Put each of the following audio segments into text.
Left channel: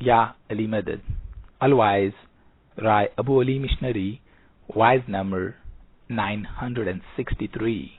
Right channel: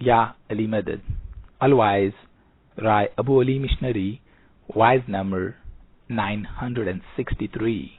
Ya Ali Madad. Otherwise, Rai Abu Ali Missionary, wise number 963.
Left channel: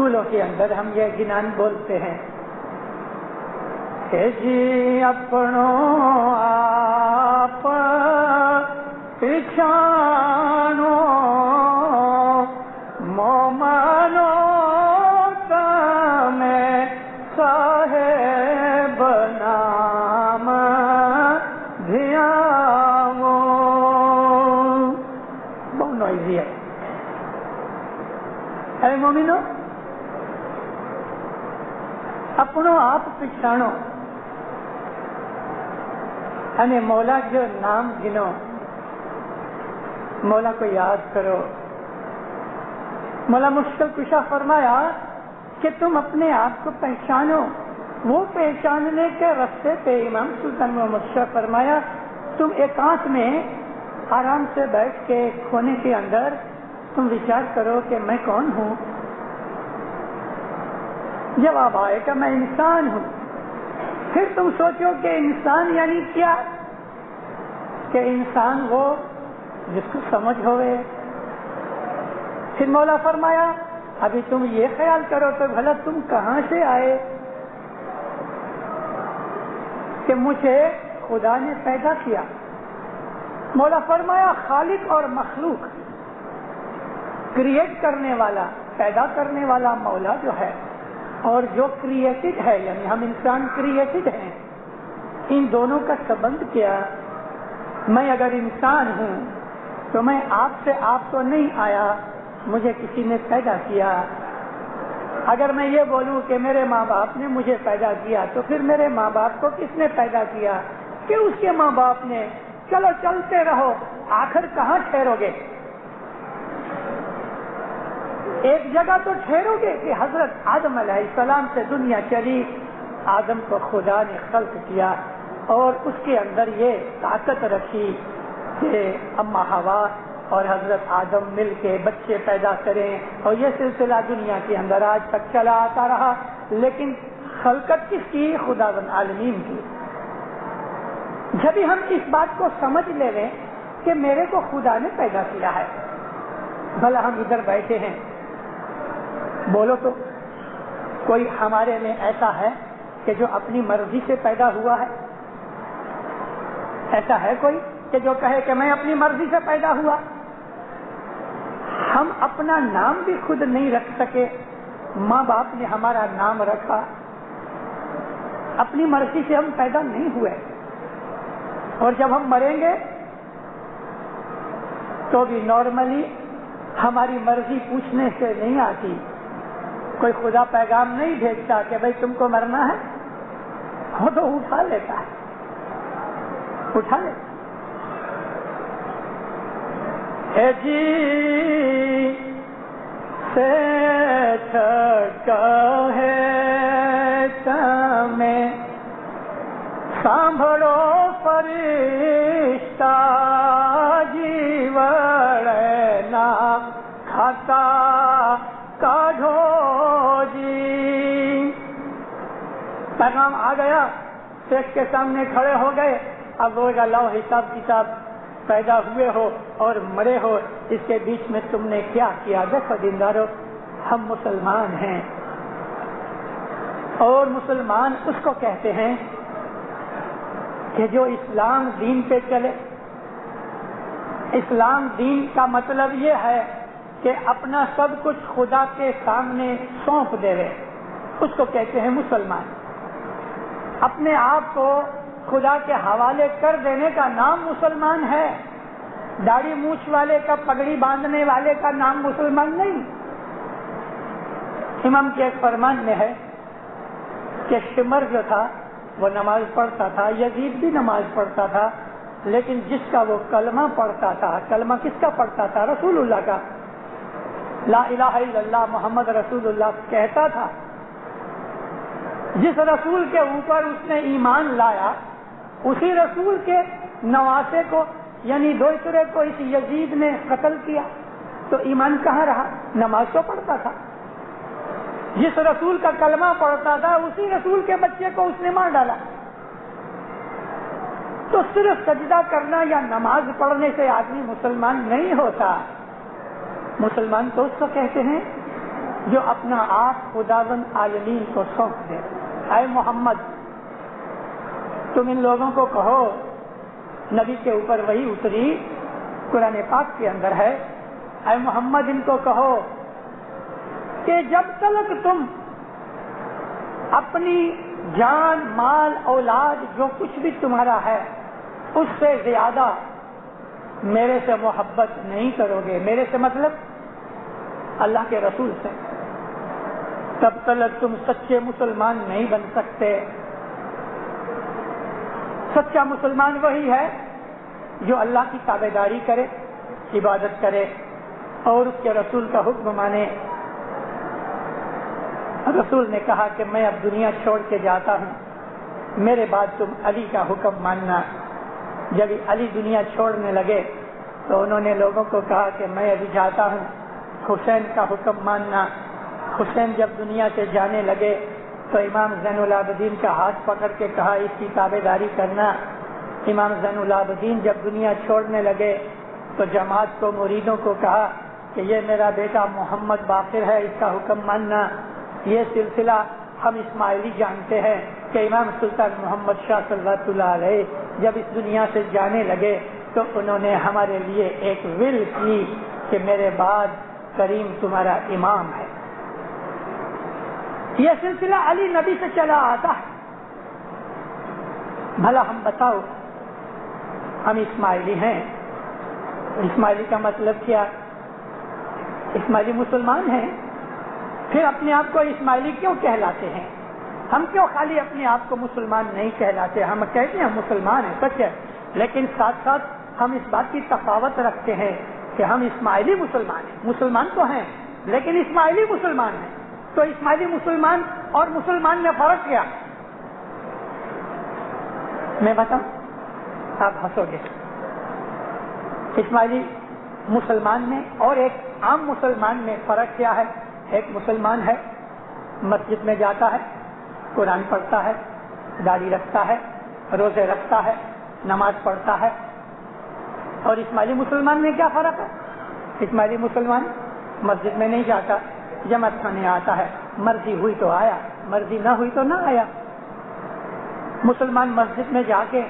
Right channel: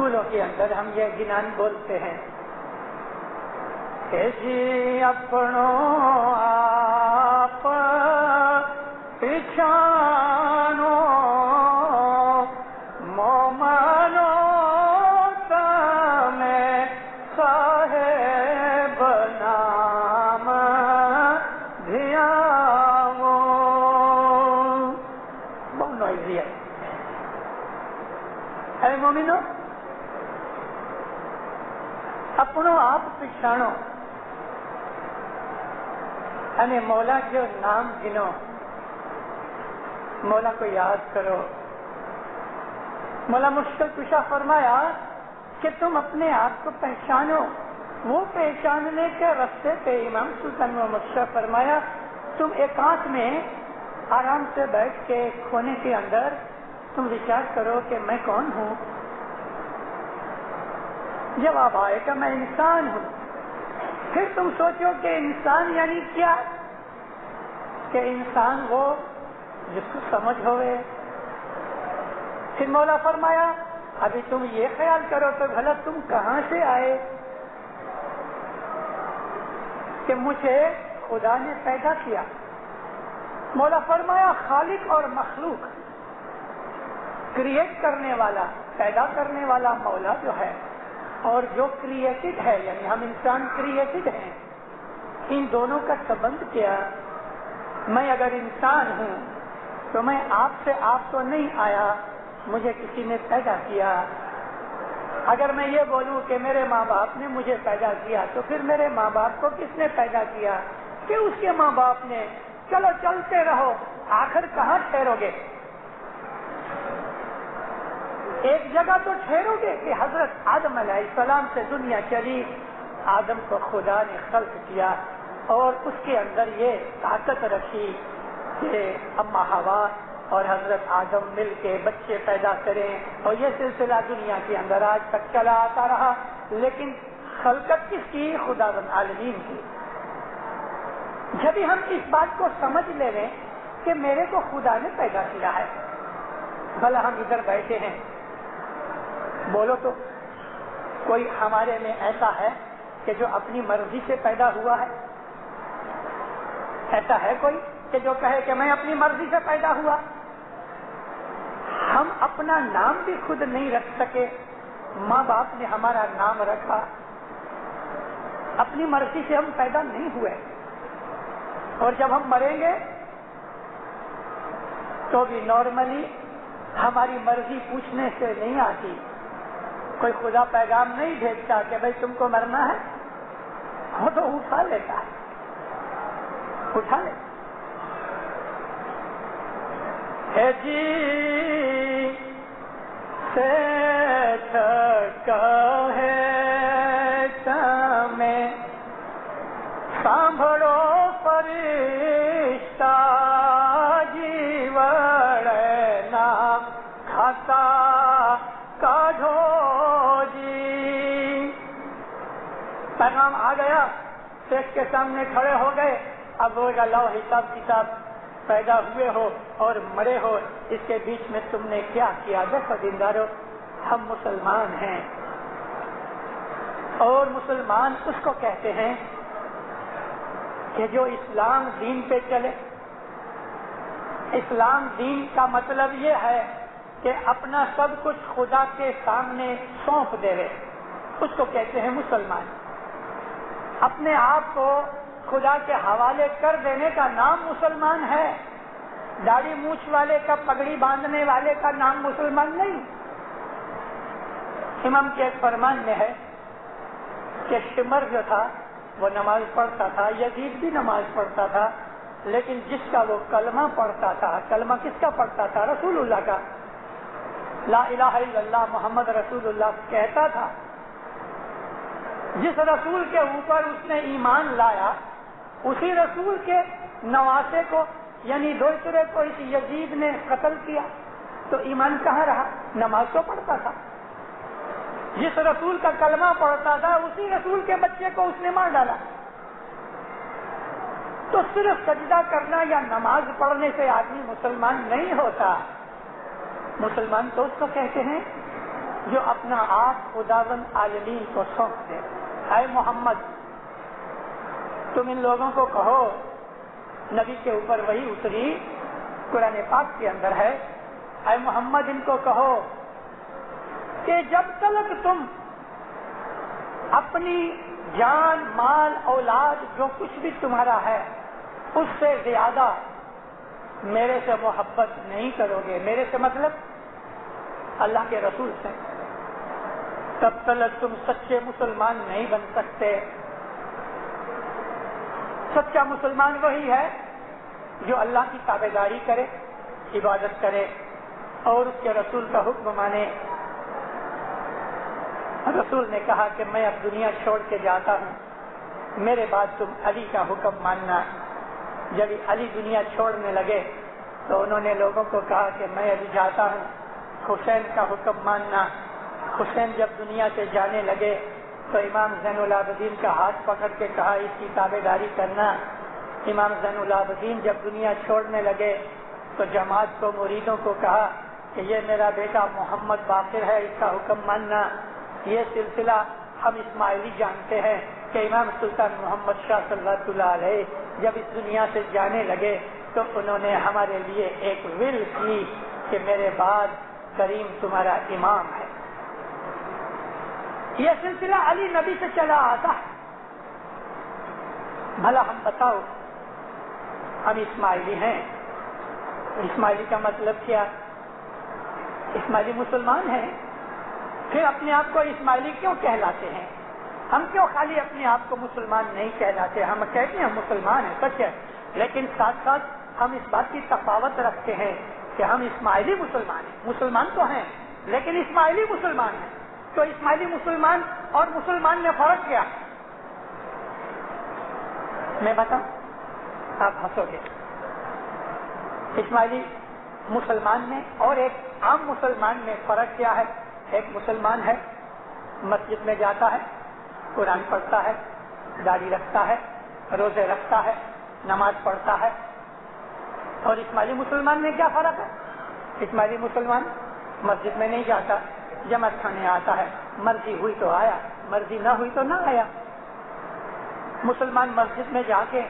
اسکولوں کے اندر ہم یہ گنان بولتے ہیں کہ جی اپنوں آپ پچھانو مومنو تمہیں صاحب نام دھیاو. بہت نوائزی ہے. اے مومنو اپنوں آپ پچھانو یعنی مولا جو نام گنو, مولا کو یاد کرو. مولا مشکل کشا فرمایا کہ تم اپنے آپ کو پہچانو. وہ پہچاننے کے راستے پہ امام سلطان محمد شاہ فرمایا تم ایکانت میں آرام سے بیٹھ کے کھونے کے اندر تم وچار کرو کہ میں کون ہوں. جواب آئے کہ میں انسان ہوں. پھر تم سوچو کہ انسان یعنی کیا, کہ انسان وہ جس کو سمجھ ہوئے. پھر مولا فرمایا ابھی تم یہ خیال کرو کہ بھلا تم کہاں سے آئے, کہ مجھے خدا نے پیدا کیا. مولا فرمایا خالق اور مخلوق, کریٹ کرنے والا, پیدا کرنے والا مولا جو ہے, اور جو کریٹڈ ہے یعنی ہم انسان کریٹڈ ہیں, ان دونوں کا سبند کیا. میں اگر انسان ہوں تو میں آپ سے آپ تو نہیں آیا, مجھے کسی نے پیدا کیا. اگر میں یہ بولوں کہ میرے ماں باپ نے مجھے پیدا کیا تو پھر میرے ماں باپ کو کس نے پیدا کیا, کہ اس کے ماں باپ نے. چلو چلتے رہو, آخر کہاں ٹھہرو گے؟ ایک جگہ تو ٹھہرو گے کہ حضرت آدم علیہ السلام سے دنیا چلی. آدم کو خدا نے خلق کیا اور اس کے اندر یہ طاقت رکھی کہ اما حوا اور حضرت آدم مل کے بچے پیدا کریں, اور یہ سلسلہ دنیا کے اندر آج تک چلا آتا رہا. لیکن خلقت کس کی؟ خداوند عالمین کی. جب ہم اس بات کو سمجھ لے لیں کہ میرے کو خدا نے پیدا کیا ہے, بھلا ہم ادھر بیٹھے ہیں, بولو تو کوئی ہمارے میں ایسا ہے کہ جو اپنی مرضی سے پیدا ہوا ہے؟ ایسا ہے کوئی کہ جو کہے کہ میں اپنی مرضی سے پیدا ہوا؟ ہم اپنا نام بھی خود نہیں رکھ سکے, ماں باپ نے ہمارا نام رکھا. اپنی مرضی سے ہم پیدا نہیں ہوئے, اور جب ہم مریں گے تو بھی نارملی ہماری مرضی پوچھنے سے نہیں آتی. کوئی خدا پیغام نہیں بھیجتا کہ بھائی تم کو مرنا ہے, وہ تو اٹھا لیتا ہے, اٹھا لیتا. اے جی سے چاہے تمہیں سانبھڑو فرشتہ جیوڑنا کھاتا کاڑھو جی. پیغام آ گیا, شیخ کے سامنے کھڑے ہو گئے. اب وہ لاؤ حساب کتاب, پیدا ہوئے ہو اور مرے ہو, اس کے بیچ میں تم نے کیا کیا؟ دیکھو دیندارو, ہم مسلمان ہیں, اور مسلمان اس کو کہتے ہیں کہ جو اسلام دین پہ چلے. اسلام دین کا مطلب یہ ہے کہ اپنا سب کچھ خدا کے سامنے سونپ دے رہے, اس کو کہتے ہیں مسلمان. اپنے آپ کو خدا کے حوالے کر دینے کا نام مسلمان ہے. داڑھی مونچھ والے کا, پگڑی باندھنے والے کا نام مسلمان نہیں. امام کے ایک فرمان میں ہے کہ شمر جو تھا وہ نماز پڑھتا تھا, یزید بھی نماز پڑھتا تھا, لیکن جس کا وہ کلمہ پڑھتا تھا, کلمہ کس کا پڑھتا تھا؟ رسول اللہ کا. لا الہ الا اللہ محمد رسول اللہ کہتا تھا. جس رسول کے اوپر اس نے ایمان لایا, اسی رسول کے نواسے کو یعنی دوسرے کو اس یزید نے قتل کیا, تو ایمان کہاں رہا؟ نماز تو پڑھتا تھا. جس رسول کا کلمہ پڑھتا تھا اسی رسول کے بچے کو اس نے مار ڈالا. تو صرف سجدہ کرنا یا نماز پڑھنے سے آدمی مسلمان نہیں ہوتا. مسلمان تو اس کو کہتے ہیں جو اپنا آپ خداوند عالمین کو سونپ دے. اے محمد تم ان لوگوں کو کہو, نبی کے اوپر وہی اتری قرآن پاک کے اندر ہے, اے محمد ان کو کہو کہ جب تک تم اپنی جان مال اولاد جو کچھ بھی تمہارا ہے اس سے زیادہ میرے سے محبت نہیں کرو گے, میرے سے مطلب اللہ کے رسول سے, تب تک تم سچے مسلمان نہیں بن سکتے. سچا مسلمان وہی ہے جو اللہ کی تابعداری کرے, عبادت کرے اور اس کے رسول کا حکم مانے. رسول نے کہا کہ میں اب دنیا چھوڑ کے جاتا ہوں, میرے بعد تم علی کا حکم ماننا. جب علی دنیا چھوڑنے لگے تو انہوں نے لوگوں کو کہا کہ میں ابھی جاتا ہوں, حسین کا حکم ماننا. حسین جب دنیا سے جانے لگے تو امام زین العابدین کا ہاتھ پکڑ کے کہا اس کی تابعداری کرنا. امام زین العابدین جب دنیا چھوڑنے لگے تو جماعت کو مریدوں کو کہا کہ یہ میرا بیٹا محمد باقر ہے, اس کا حکم ماننا. یہ سلسلہ ہم اسماعیلی جانتے ہیں کہ امام سلطان محمد شاہ صلی اللہ علیہ جب اس دنیا سے جانے لگے تو انہوں نے ہمارے لیے ایک ول کی کہ میرے بعد کریم تمہارا امام ہے. یہ سلسلہ علی نبی سے چلا آتا ہے. بھلا ہم بتاؤ, ہم اسماعیلی ہیں, اسماعیلی کا مطلب کیا؟ اسماعیلی مسلمان ہیں, پھر اپنے آپ کو اسماعیلی کیوں کہلاتے ہیں؟ ہم کیوں خالی اپنے آپ کو مسلمان نہیں کہلاتے؟ ہم کہتے ہیں ہم مسلمان ہیں, سچ ہے, لیکن ساتھ ساتھ ہم اس بات کی تفاوت رکھتے ہیں کہ ہم اسماعیلی مسلمان ہیں. مسلمان تو ہیں لیکن اسماعیلی مسلمان ہیں. تو اسماعیلی مسلمان اور مسلمان میں فرق کیا؟ میں بتاؤں, آپ ہنسو گے. اسماعیلی مسلمان میں اور ایک عام مسلمان میں فرق کیا ہے؟ ایک مسلمان ہے, مسجد میں جاتا ہے, قرآن پڑھتا ہے, داڑھی رکھتا ہے, روزے رکھتا ہے, نماز پڑھتا ہے. اور اسماعیلی مسلمان میں کیا فرق ہے؟ اسماعیلی مسلمان مسجد میں نہیں جاتا, جماعت کھانے آتا ہے, مرضی ہوئی تو آیا, مرضی نہ ہوئی تو نہ آیا. مسلمان مسجد میں جا کے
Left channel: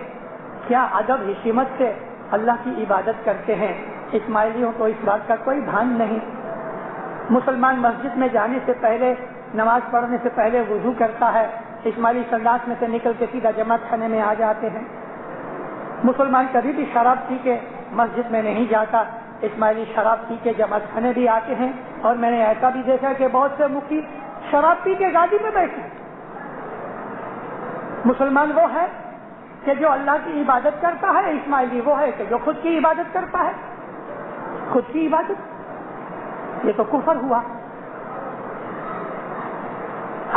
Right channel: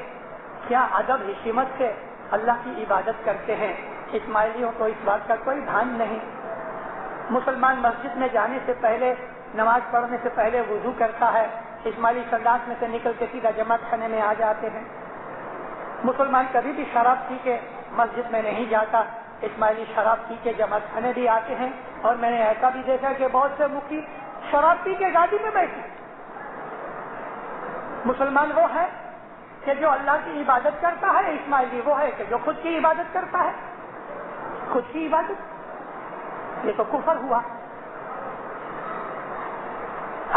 کیا ادب حکمت سے اللہ کی عبادت کرتے ہیں. اسماعیلیوں کو اس بات کا کوئی بھان نہیں. مسلمان مسجد میں جانے سے پہلے, نماز پڑھنے سے پہلے وضو کرتا ہے. اسماعیلی سنداس میں سے نکل کے سیدھا جماعت خانے میں آ جاتے ہیں. مسلمان کبھی بھی شراب پی کے مسجد میں نہیں جاتا, اسماعیلی شراب پی کے جماعت خانے بھی آتے ہیں. اور میں نے ایسا بھی دیکھا کہ بہت سے مفتی شراب پی کے گاڑی میں بیٹھے. مسلمان وہ ہے کہ جو اللہ کی عبادت کرتا ہے, اسماعیلی وہ ہے کہ جو خود کی عبادت کرتا ہے. خود کی عبادت یہ تو کفر ہوا.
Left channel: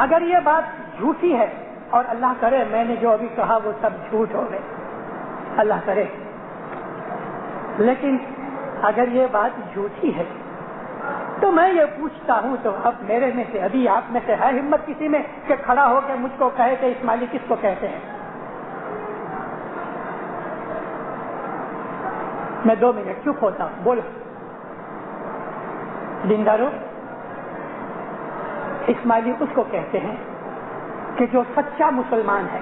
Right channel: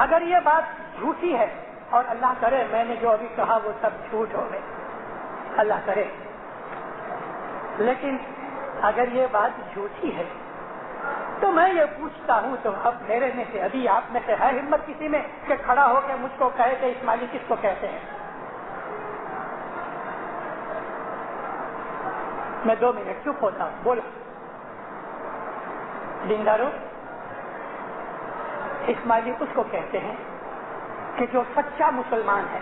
اگر یہ بات جھوٹی ہے, اور اللہ کرے میں نے جو ابھی کہا وہ سب جھوٹ ہو گئے, اللہ کرے, لیکن اگر یہ بات جھوٹی ہے تو میں یہ پوچھتا ہوں, تو اب میرے میں سے ابھی آپ میں سے ہے ہمت کسی میں کہ کھڑا ہو کے مجھ کو کہے کہ اسماعیلی کس کو کہتے ہیں؟ میں 2 منٹ چپ ہوتا ہوں, بولو. دیندارو, اسماعیلی اس کو کہتے ہیں کہ جو سچا مسلمان ہے.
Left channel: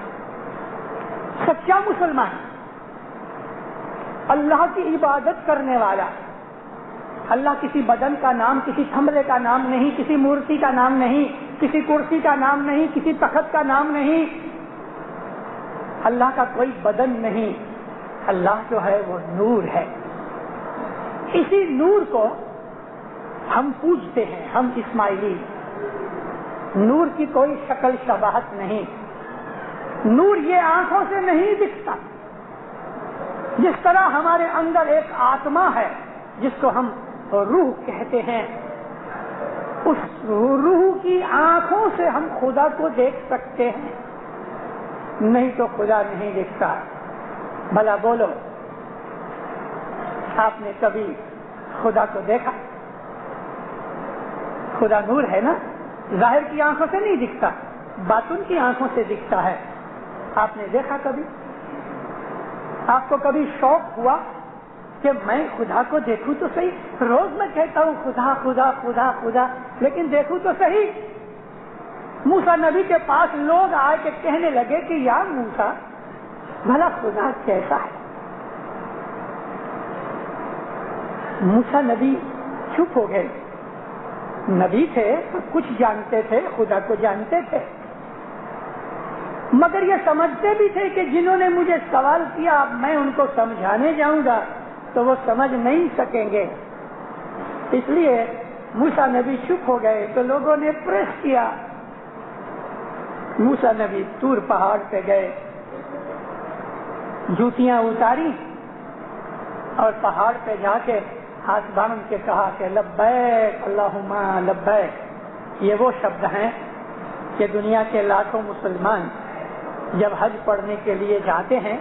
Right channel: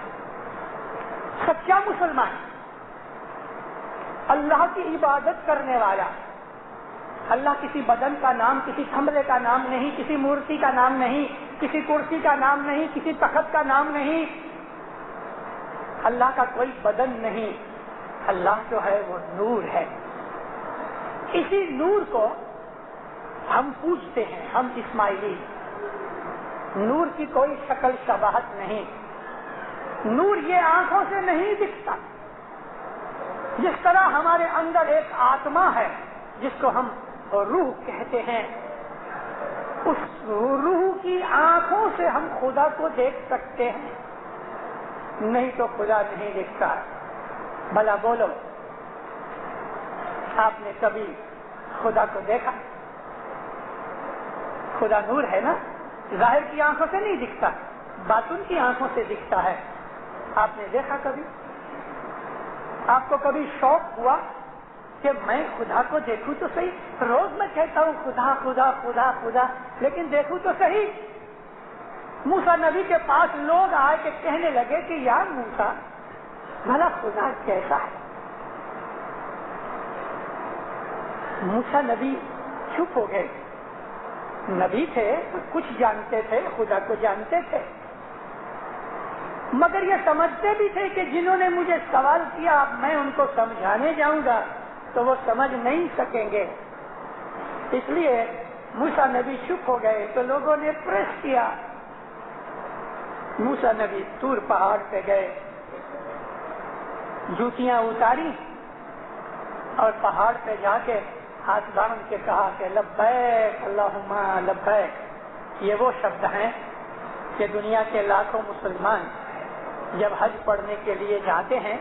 سچا مسلمان اللہ کی عبادت کرنے والا. اللہ کسی بدن کا نام, کسی تھملے کا نام نہیں, کسی مورتی کا نام نہیں, کسی کرسی کا نام نہیں, کسی تخت کا نام نہیں. اللہ کا کوئی بدن نہیں. اللہ جو ہے وہ نور ہے. اسی نور کو ہم پوجتے ہیں, ہم اسماعیلی. نور کی کوئی شکل شباہت نہیں. نور یہ آنکھوں سے نہیں دکھتا. جس طرح ہمارے اندر ایک آتما ہے جس کو ہم روح کہتے ہیں, اس روح کی آنکھوں سے ہم خدا کو دیکھ سکتے ہیں, نہیں تو خدا نہیں دکھتا. بھلا بولو, آپ نے کبھی خدا کو دیکھا؟ خدا نور ہے نا, ظاہر کی آنکھوں سے نہیں دکھتا, باطن کی آنکھوں سے دکھتا ہے. آپ نے دیکھا کبھی؟ آپ کو کبھی شوق ہوا کہ میں خدا کو دیکھوں تو صحیح. روز میں کہتا ہوں خدا خدا خدا خدا, لیکن دیکھوں تو صحیح. موسیٰ نبی کے پاس لوگ آئے کے کہنے لگے کہ یا موسیٰ بھلا خدا کیسا ہے؟ موسیٰ نبی چپ ہو گئے. نبی تھے تو کچھ جانتے تھے, خدا کو جانتے تھے, مگر یہ سمجھتے بھی تھے کہ جنہوں نے مجھے سوال کیا اب میں ان کو سمجھانے جاؤں گا تو وہ سمجھ نہیں سکیں گے. اس لیے موسیٰ نبی چپ ہو گئے تو لوگوں نے پریس کیا. موسیٰ نبی طور پہاڑ پہ گئے, جوتیاں اتاری اور پہاڑ پہ جا کے ہاتھ باندھ کے کہا کہ لبیک اللہم لبیک. یہ وہ شبد ہیں کہ دنیا کے لاکھوں مسلمان جب حج پڑھنے کے لیے جاتے ہیں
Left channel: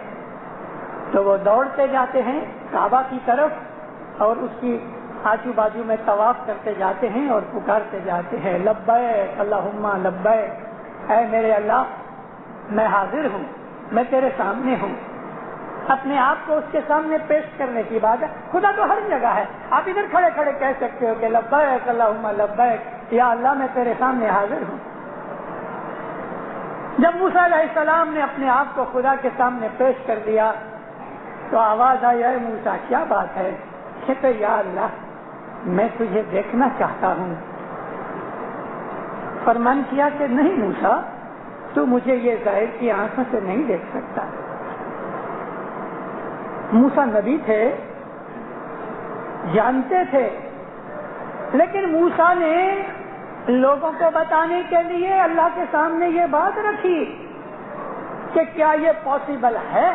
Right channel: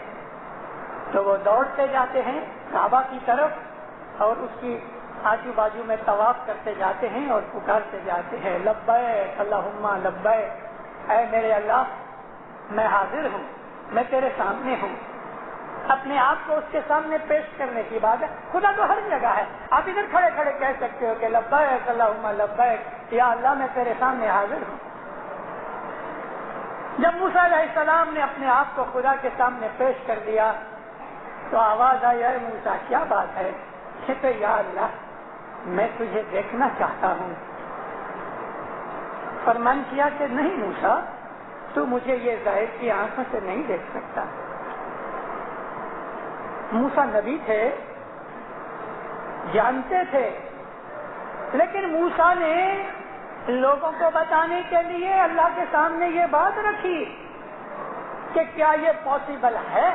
تو وہ دوڑتے جاتے ہیں کعبہ کی طرف اور اس کی آجو بازو میں طواف کرتے جاتے ہیں اور پکارتے جاتے ہیں لبیک اللہم لبیک. اے میرے اللہ میں حاضر ہوں, میں تیرے سامنے ہوں. اپنے آپ کو اس کے سامنے پیش کرنے کی بات ہے. خدا تو ہر جگہ ہے. آپ ادھر کھڑے کھڑے کہہ سکتے ہو کہ لبیک اللہم لبیک, یا اللہ میں تیرے سامنے حاضر ہوں. جب موسیٰ علیہ السلام نے اپنے آپ کو خدا کے سامنے پیش کر دیا تو آواز آئی اے موسیٰ کیا بات ہے؟ کہتے یا اللہ میں تجھے دیکھنا چاہتا ہوں. فرمان کیا کہ نہیں موسیٰ تو مجھے یہ ظاہر کی آنکھوں سے نہیں دیکھ سکتا. موسیٰ نبی تھے, جانتے تھے, لیکن موسیٰ نے لوگوں کو بتانے کے لیے اللہ کے سامنے یہ بات رکھی کہ کیا یہ پاسبل ہے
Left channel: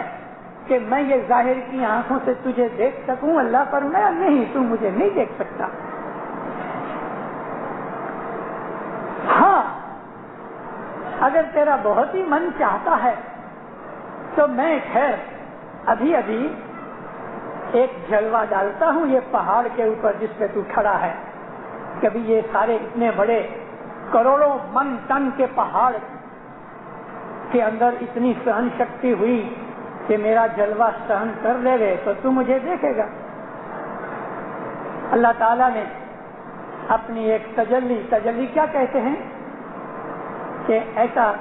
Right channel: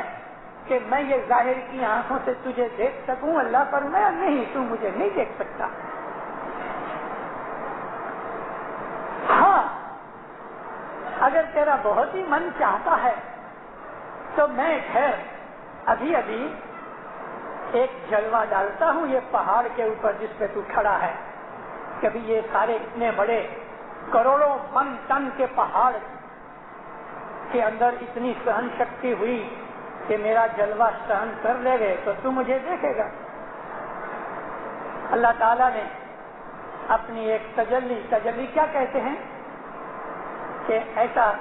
کہ میں یہ ظاہر کی آنکھوں سے تجھے دیکھ سکوں؟ اللہ فرمایا نہیں, تو مجھے نہیں دیکھ سکتا. ہاں اگر تیرا بہت ہی من چاہتا ہے تو میں خیر ابھی ابھی ایک جلوہ ڈالتا ہوں یہ پہاڑ کے اوپر جس پہ تو کھڑا ہے. کبھی یہ سارے اتنے بڑے کروڑوں من ٹن کے پہاڑ کے اندر اتنی سہن شکتی ہوئی کہ میرا جلوہ سہن کر لے گے تو تو مجھے دیکھے گا. اللہ تعالیٰ نے اپنی ایک تجلی کیا کہتے ہیں کہ ایسا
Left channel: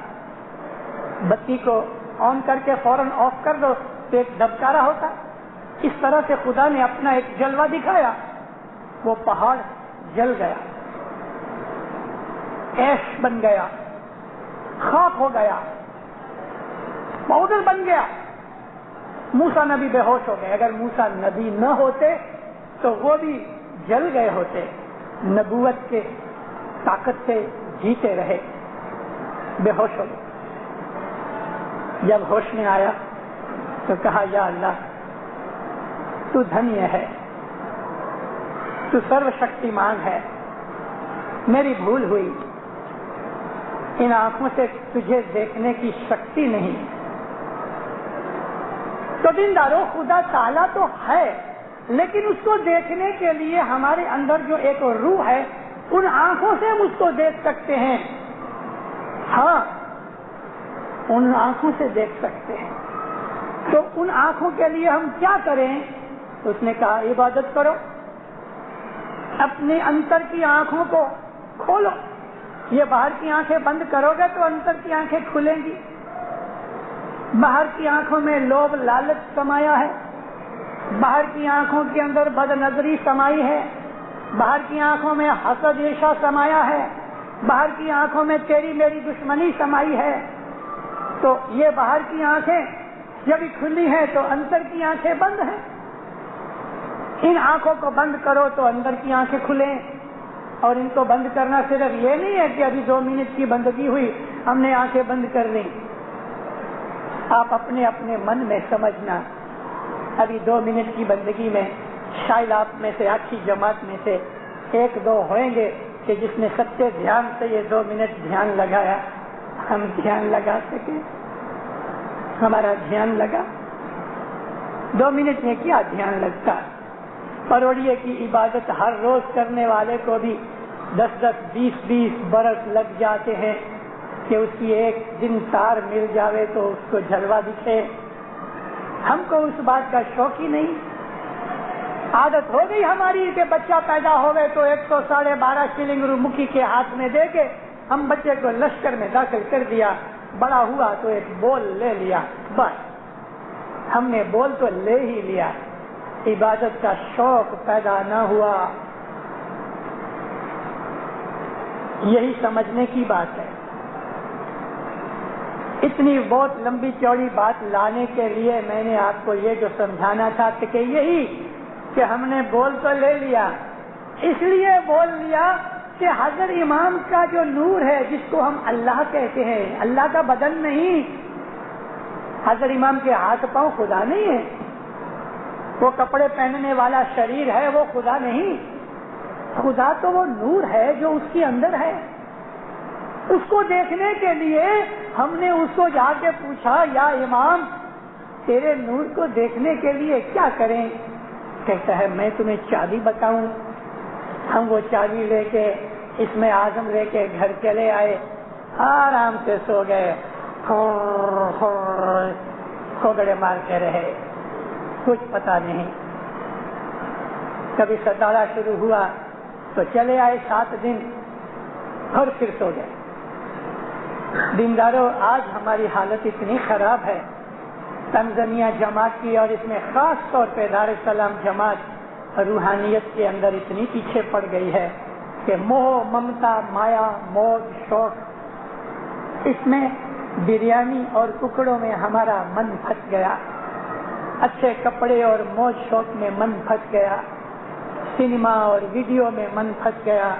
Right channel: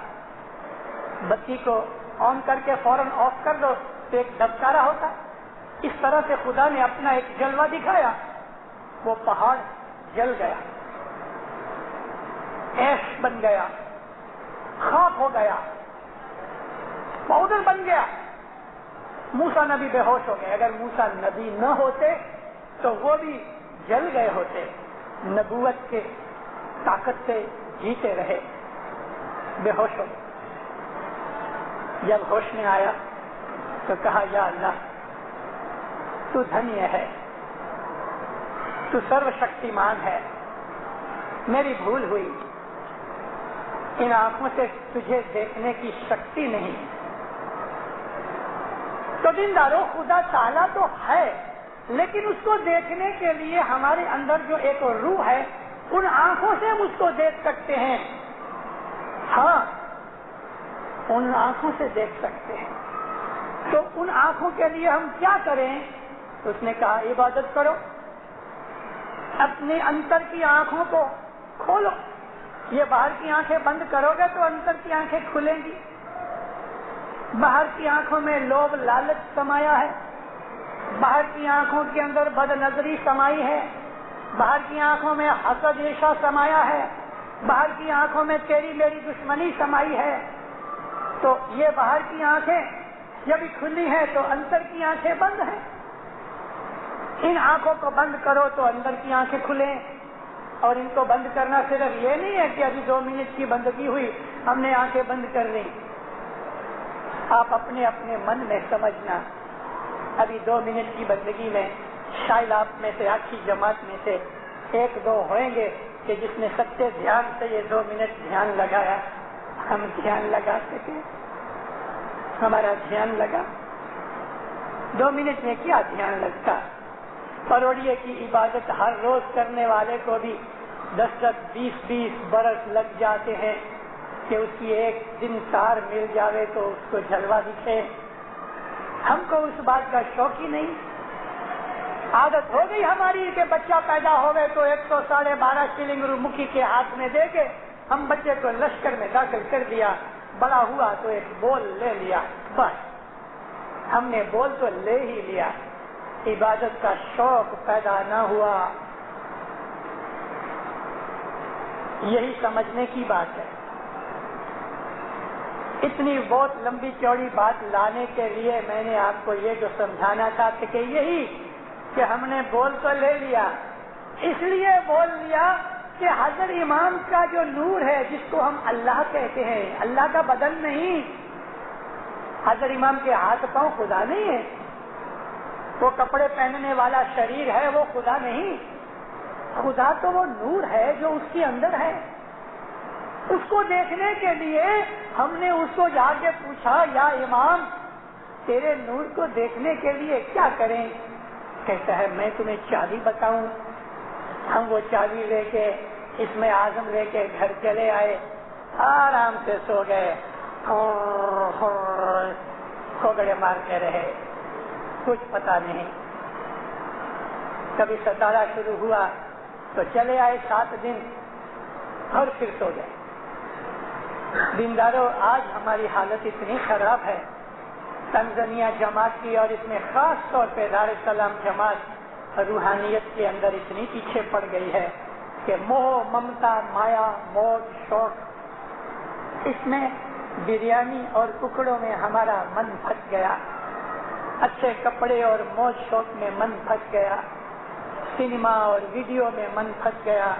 بتی کو آن کر کے فوراً آف کر دو تو ایک دبکارا ہوتا, اس طرح سے خدا نے اپنا ایک جلوہ دکھایا. وہ پہاڑ جل گیا, ایش بن گیا, خاک ہو گیا, پاؤڈر بن گیا. موسیٰ نبی بے ہوش ہو گئے. اگر موسیٰ نبی نہ ہوتے تو وہ بھی جل گئے ہوتے. نبوت کے طاقت سے جیتے رہے, بے ہوش ہو گئے. جب ہوش میں آیا تو کہا یا اللہ تو دھنیہ ہے, تو سرو شکتیمان ہے, میری بھول ہوئی, ان آنکھوں سے تجھے دیکھنے کی شکتی نہیں. تو دیندارو خدا تعالیٰ تو ہے, لیکن اس کو دیکھنے کے لیے ہمارے اندر جو ایک روح ہے ان آنکھوں سے ہم اس کو دیکھ سکتے ہیں. ہاں ان آنکھوں سے دیکھ سکتے ہیں. تو ان آنکھوں کے لیے ہم کیا کریں؟ اس نے کہا عبادت کرو, اپنے انتر کی آنکھوں کو کھولو. یہ باہر کی آنکھیں بند کرو گے تو انتر کی آنکھیں کھلیں گی. باہر کی آنکھوں میں لوبھ لالچ سمایا ہے, باہر کی آنکھوں کے اندر بد نظری سمائی ہے, باہر کی آنکھوں میں حسد عیشا سمایا ہے, باہر کی آنکھوں میں تیری میری دشمنی سمائی ہے. تو یہ باہر کی آنکھیں جب کھلی ہیں تو اندر کی آنکھیں بند ہیں. ان آنکھوں کو بند کرو تو اندر کی آنکھیں کھلیں. اور ان کو بند کرنا صرف یہ نہیں ہے کہ ابھی 2 منٹ کی بندگی ہوئی ہم نے آنکھیں بند کر لیں. آپ اپنے اپنے من میں سمجھنا, ابھی 2 منٹ کی بندگی میں شاید آپ میں سے, آپ کی جماعت میں سے 1-2 ہوئیں گے کہ جس نے سچے دھیان سے یہ 2 منٹ دھیان لگایا. ہم دھیان لگا سکے, ہمارا دھیان لگا. 2 منٹ میں کیا دھیان لگتا؟ پروڑیے کی عبادت ہر روز کرنے والے کو بھی 10-10, 20-20 برس لگ جاتے ہیں کہ اس کی ایک دن تار مل جاوے تو اس کو جلوہ دکھے. ہم کو اس بات کا شوق ہی نہیں. عادت ہو گئی ہماری کہ بچہ پیدا ہو گئے تو 112.5 شلنگ مکھی کے ہاتھ میں دے کے ہم بچے کو لشکر میں داخل کر دیا. بڑا ہوا تو ایک بول لے لیا, بس ہم نے بول تو لے ہی لیا, عبادت کا شوق پیدا نہ ہوا. یہی سمجھنے کی بات ہے. اتنی بہت لمبی چوڑی بات لانے کے لیے میں نے آپ کو یہ جو سمجھانا تھا کہ یہی کہ ہم نے بول تو لے لیا, اس لیے بول لیا کہ حضرت امام کا جو نور ہے جس کو ہم اللہ کہتے ہیں, اللہ کا بدن نہیں. حضرت امام کے ہاتھ پاؤں خدا نہیں ہے, وہ کپڑے پہننے والا شریر ہے وہ خدا نہیں. خدا تو وہ نور ہے جو اس کے اندر ہے. اس کو دیکھنے کے لیے ہم نے اس کو جا کے پوچھا, یا امام تیرے نور کو دیکھنے کے لیے کیا کریں؟ کہتا ہے میں تمہیں چابی بتاؤں. ہم وہ چابی لے کے اس میں اعظم لے کے گھر چلے آئے, آرام سے سو گئے, کھوگڑے مارتے رہے, کچھ پتا نہیں. کبھی ستارہ شروع ہوا تو چلے آئے 7 دن اور پھر سو گئے. دینداروں, آج ہماری حالت اتنی خراب ہے. تنزانیہ جماعت کی, اور اس میں خاص طور پہ دار السلام جماعت روحانیت کے اندر اتنی پیچھے پڑ گئی ہے کہ موہ ممتا مایا موج شوق, اس میں بریانی اور ٹکڑوں میں ہمارا من پھنس گیا, اچھے کپڑے اور موج شوق میں من پھنس گیا, سنیما اور ویڈیو میں من پھنس گیا,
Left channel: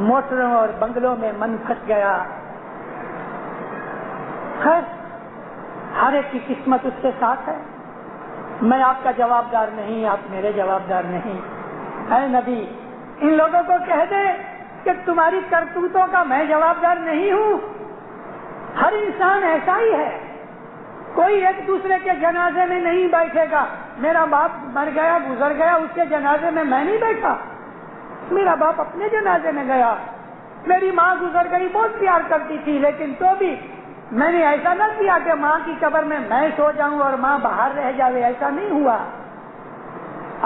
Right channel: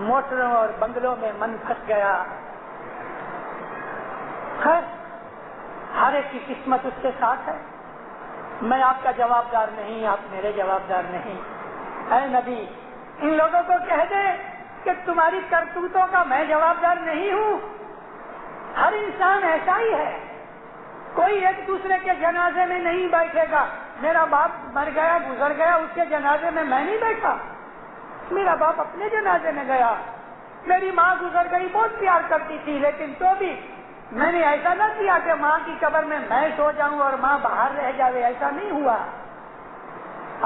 موٹروں اور بنگلوں میں من پھنس گیا. خیر, ہر ایک کی قسمت اس کے ساتھ ہے. میں آپ کا جواب دار نہیں, آپ میرے جواب دار نہیں. اے نبی, ان لوگوں کو کہہ دے کہ تمہاری کرتوتوں کا میں جواب دار نہیں ہوں. ہر انسان ایسا ہی ہے, کوئی ایک دوسرے کے جنازے میں نہیں بیٹھے گا. میرا باپ مر گیا, گزر گیا, اس کے جنازے میں میں نہیں بیٹھا. میرا باپ اپنے جنازے میں گیا. میری ماں گزر گئی, بہت پیار کرتی تھی, لیکن تو بھی میں نے ایسا نہ کیا کہ ماں کی قبر میں سو جاؤں اور ماں باہر رہ جائے. ایسا نہیں ہوا.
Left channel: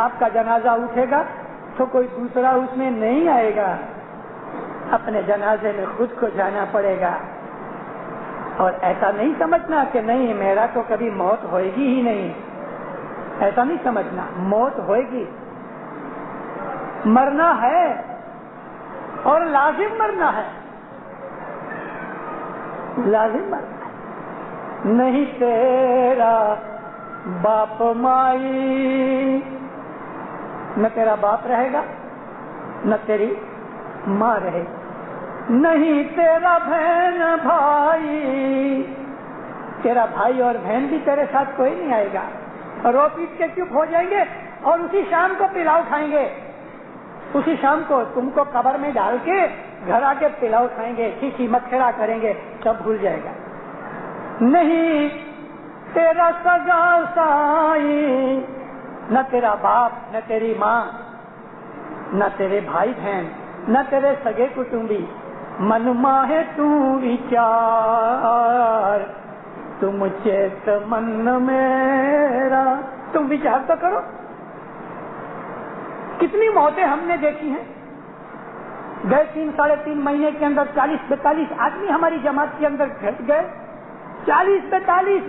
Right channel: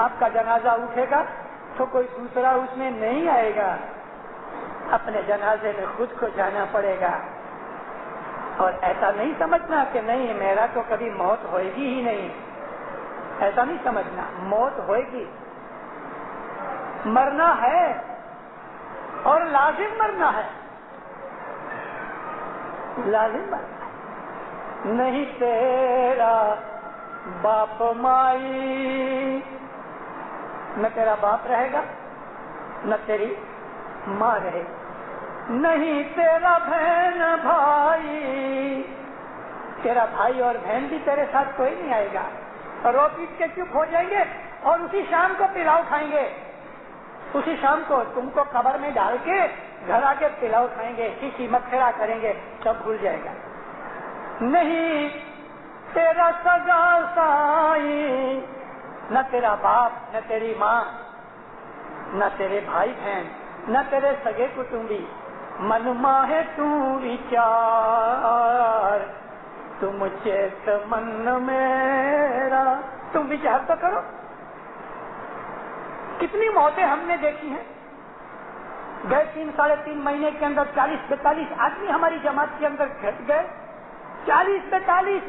آپ کا جنازہ اٹھے گا تو کوئی دوسرا اس میں نہیں آئے گا, اپنے جنازے میں خود کو جانا پڑے گا. اور ایسا نہیں سمجھنا کہ نہیں میرا تو کبھی موت ہوئے گی ہی نہیں, ایسا نہیں سمجھنا. موت ہوئے گی, مرنا ہے اور لازم مرنا ہے, لازم مرنا ہے. نہیں تیرا باپ مائی, نہ تیرا باپ رہے گا نہ تیری ماں رہے گی. نہیں تیرا بہن بھائی, تیرا بھائی اور بہن بھی تیرے ساتھ کوئی نہیں آئے گا. رو پیٹ کے چپ ہو جائیں گے اور اسی شام کو پلاؤ کھائیں گے. اسی شام کو تم کو قبر میں ڈال کے گھر آ کے پلاؤ کھائیں گے, کسی مت کھڑا کریں گے, سب بھول جائے گا. نہیں تیرا سگا سائی, نہ تیرا باپ نہ تیری ماں نہ تیرے بھائی بہن نہ تیرے سگے کٹمبی. من ماہ تو وچار, تم چیت من میرا, تم وچار تو کرو. کتنی موتیں ہم نے دیکھی ہیں. گئے 3-3.5 مہینے کے اندر 40-42 آدمی ہماری جماعت کے اندر گھٹ گئے. 40-42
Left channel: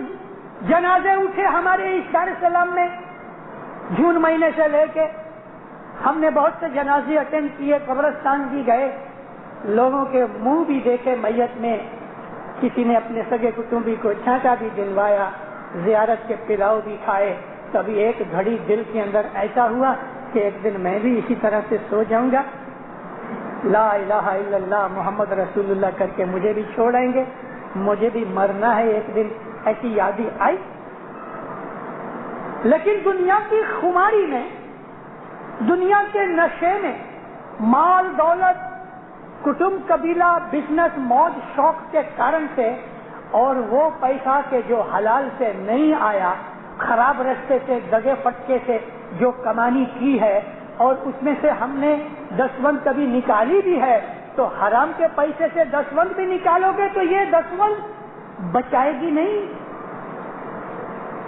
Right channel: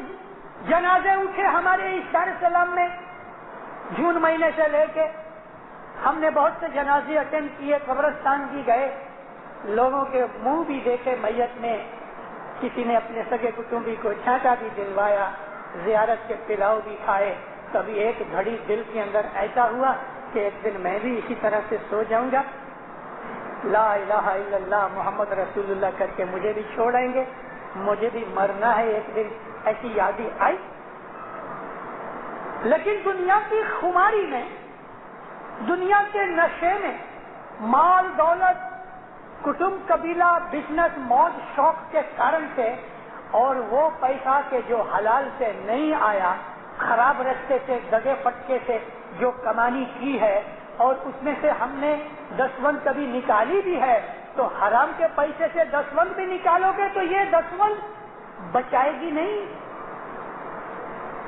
جنازے اٹھے ہمارے اس دار السلام میں. جون مہینے سے لے کے ہم نے بہت سے جنازے اٹینڈ کیے, قبرستان بھی گئے, لوگوں کے منہ بھی دیکھے میت میں. کسی نے اپنے سگے کٹمبی کو چھانٹا بھی دلوایا, زیارت کے پلاؤ بھی کھائے. کبھی ایک گھڑی دل کے اندر ایسا ہوا کہ ایک دن میں بھی اسی طرح سے سو جاؤں گا, لا الہ الا اللہ محمد رسول اللہ کر کے مجھے بھی چھوڑیں گے, مجھے بھی مرنا ہے ایک دن. ایسی یادیں آئی. لیکن دنیا کی خماری میں, دنیا کے نشے میں, مال دولت کٹمب قبیلہ بزنس موج شوق کے کارن سے, اور وہ پیسہ کے جو حلال سے نہیں آیا, خراب رستے سے دگے پٹکے سے جو کمانی کی ہے, اور اس میں سے ہم نے 10 کبھی نکالی بھی ہے, تو حرام کے پیسے سے 10 بھی نکالو گے تو یہ 10 بچائے گی نہیں.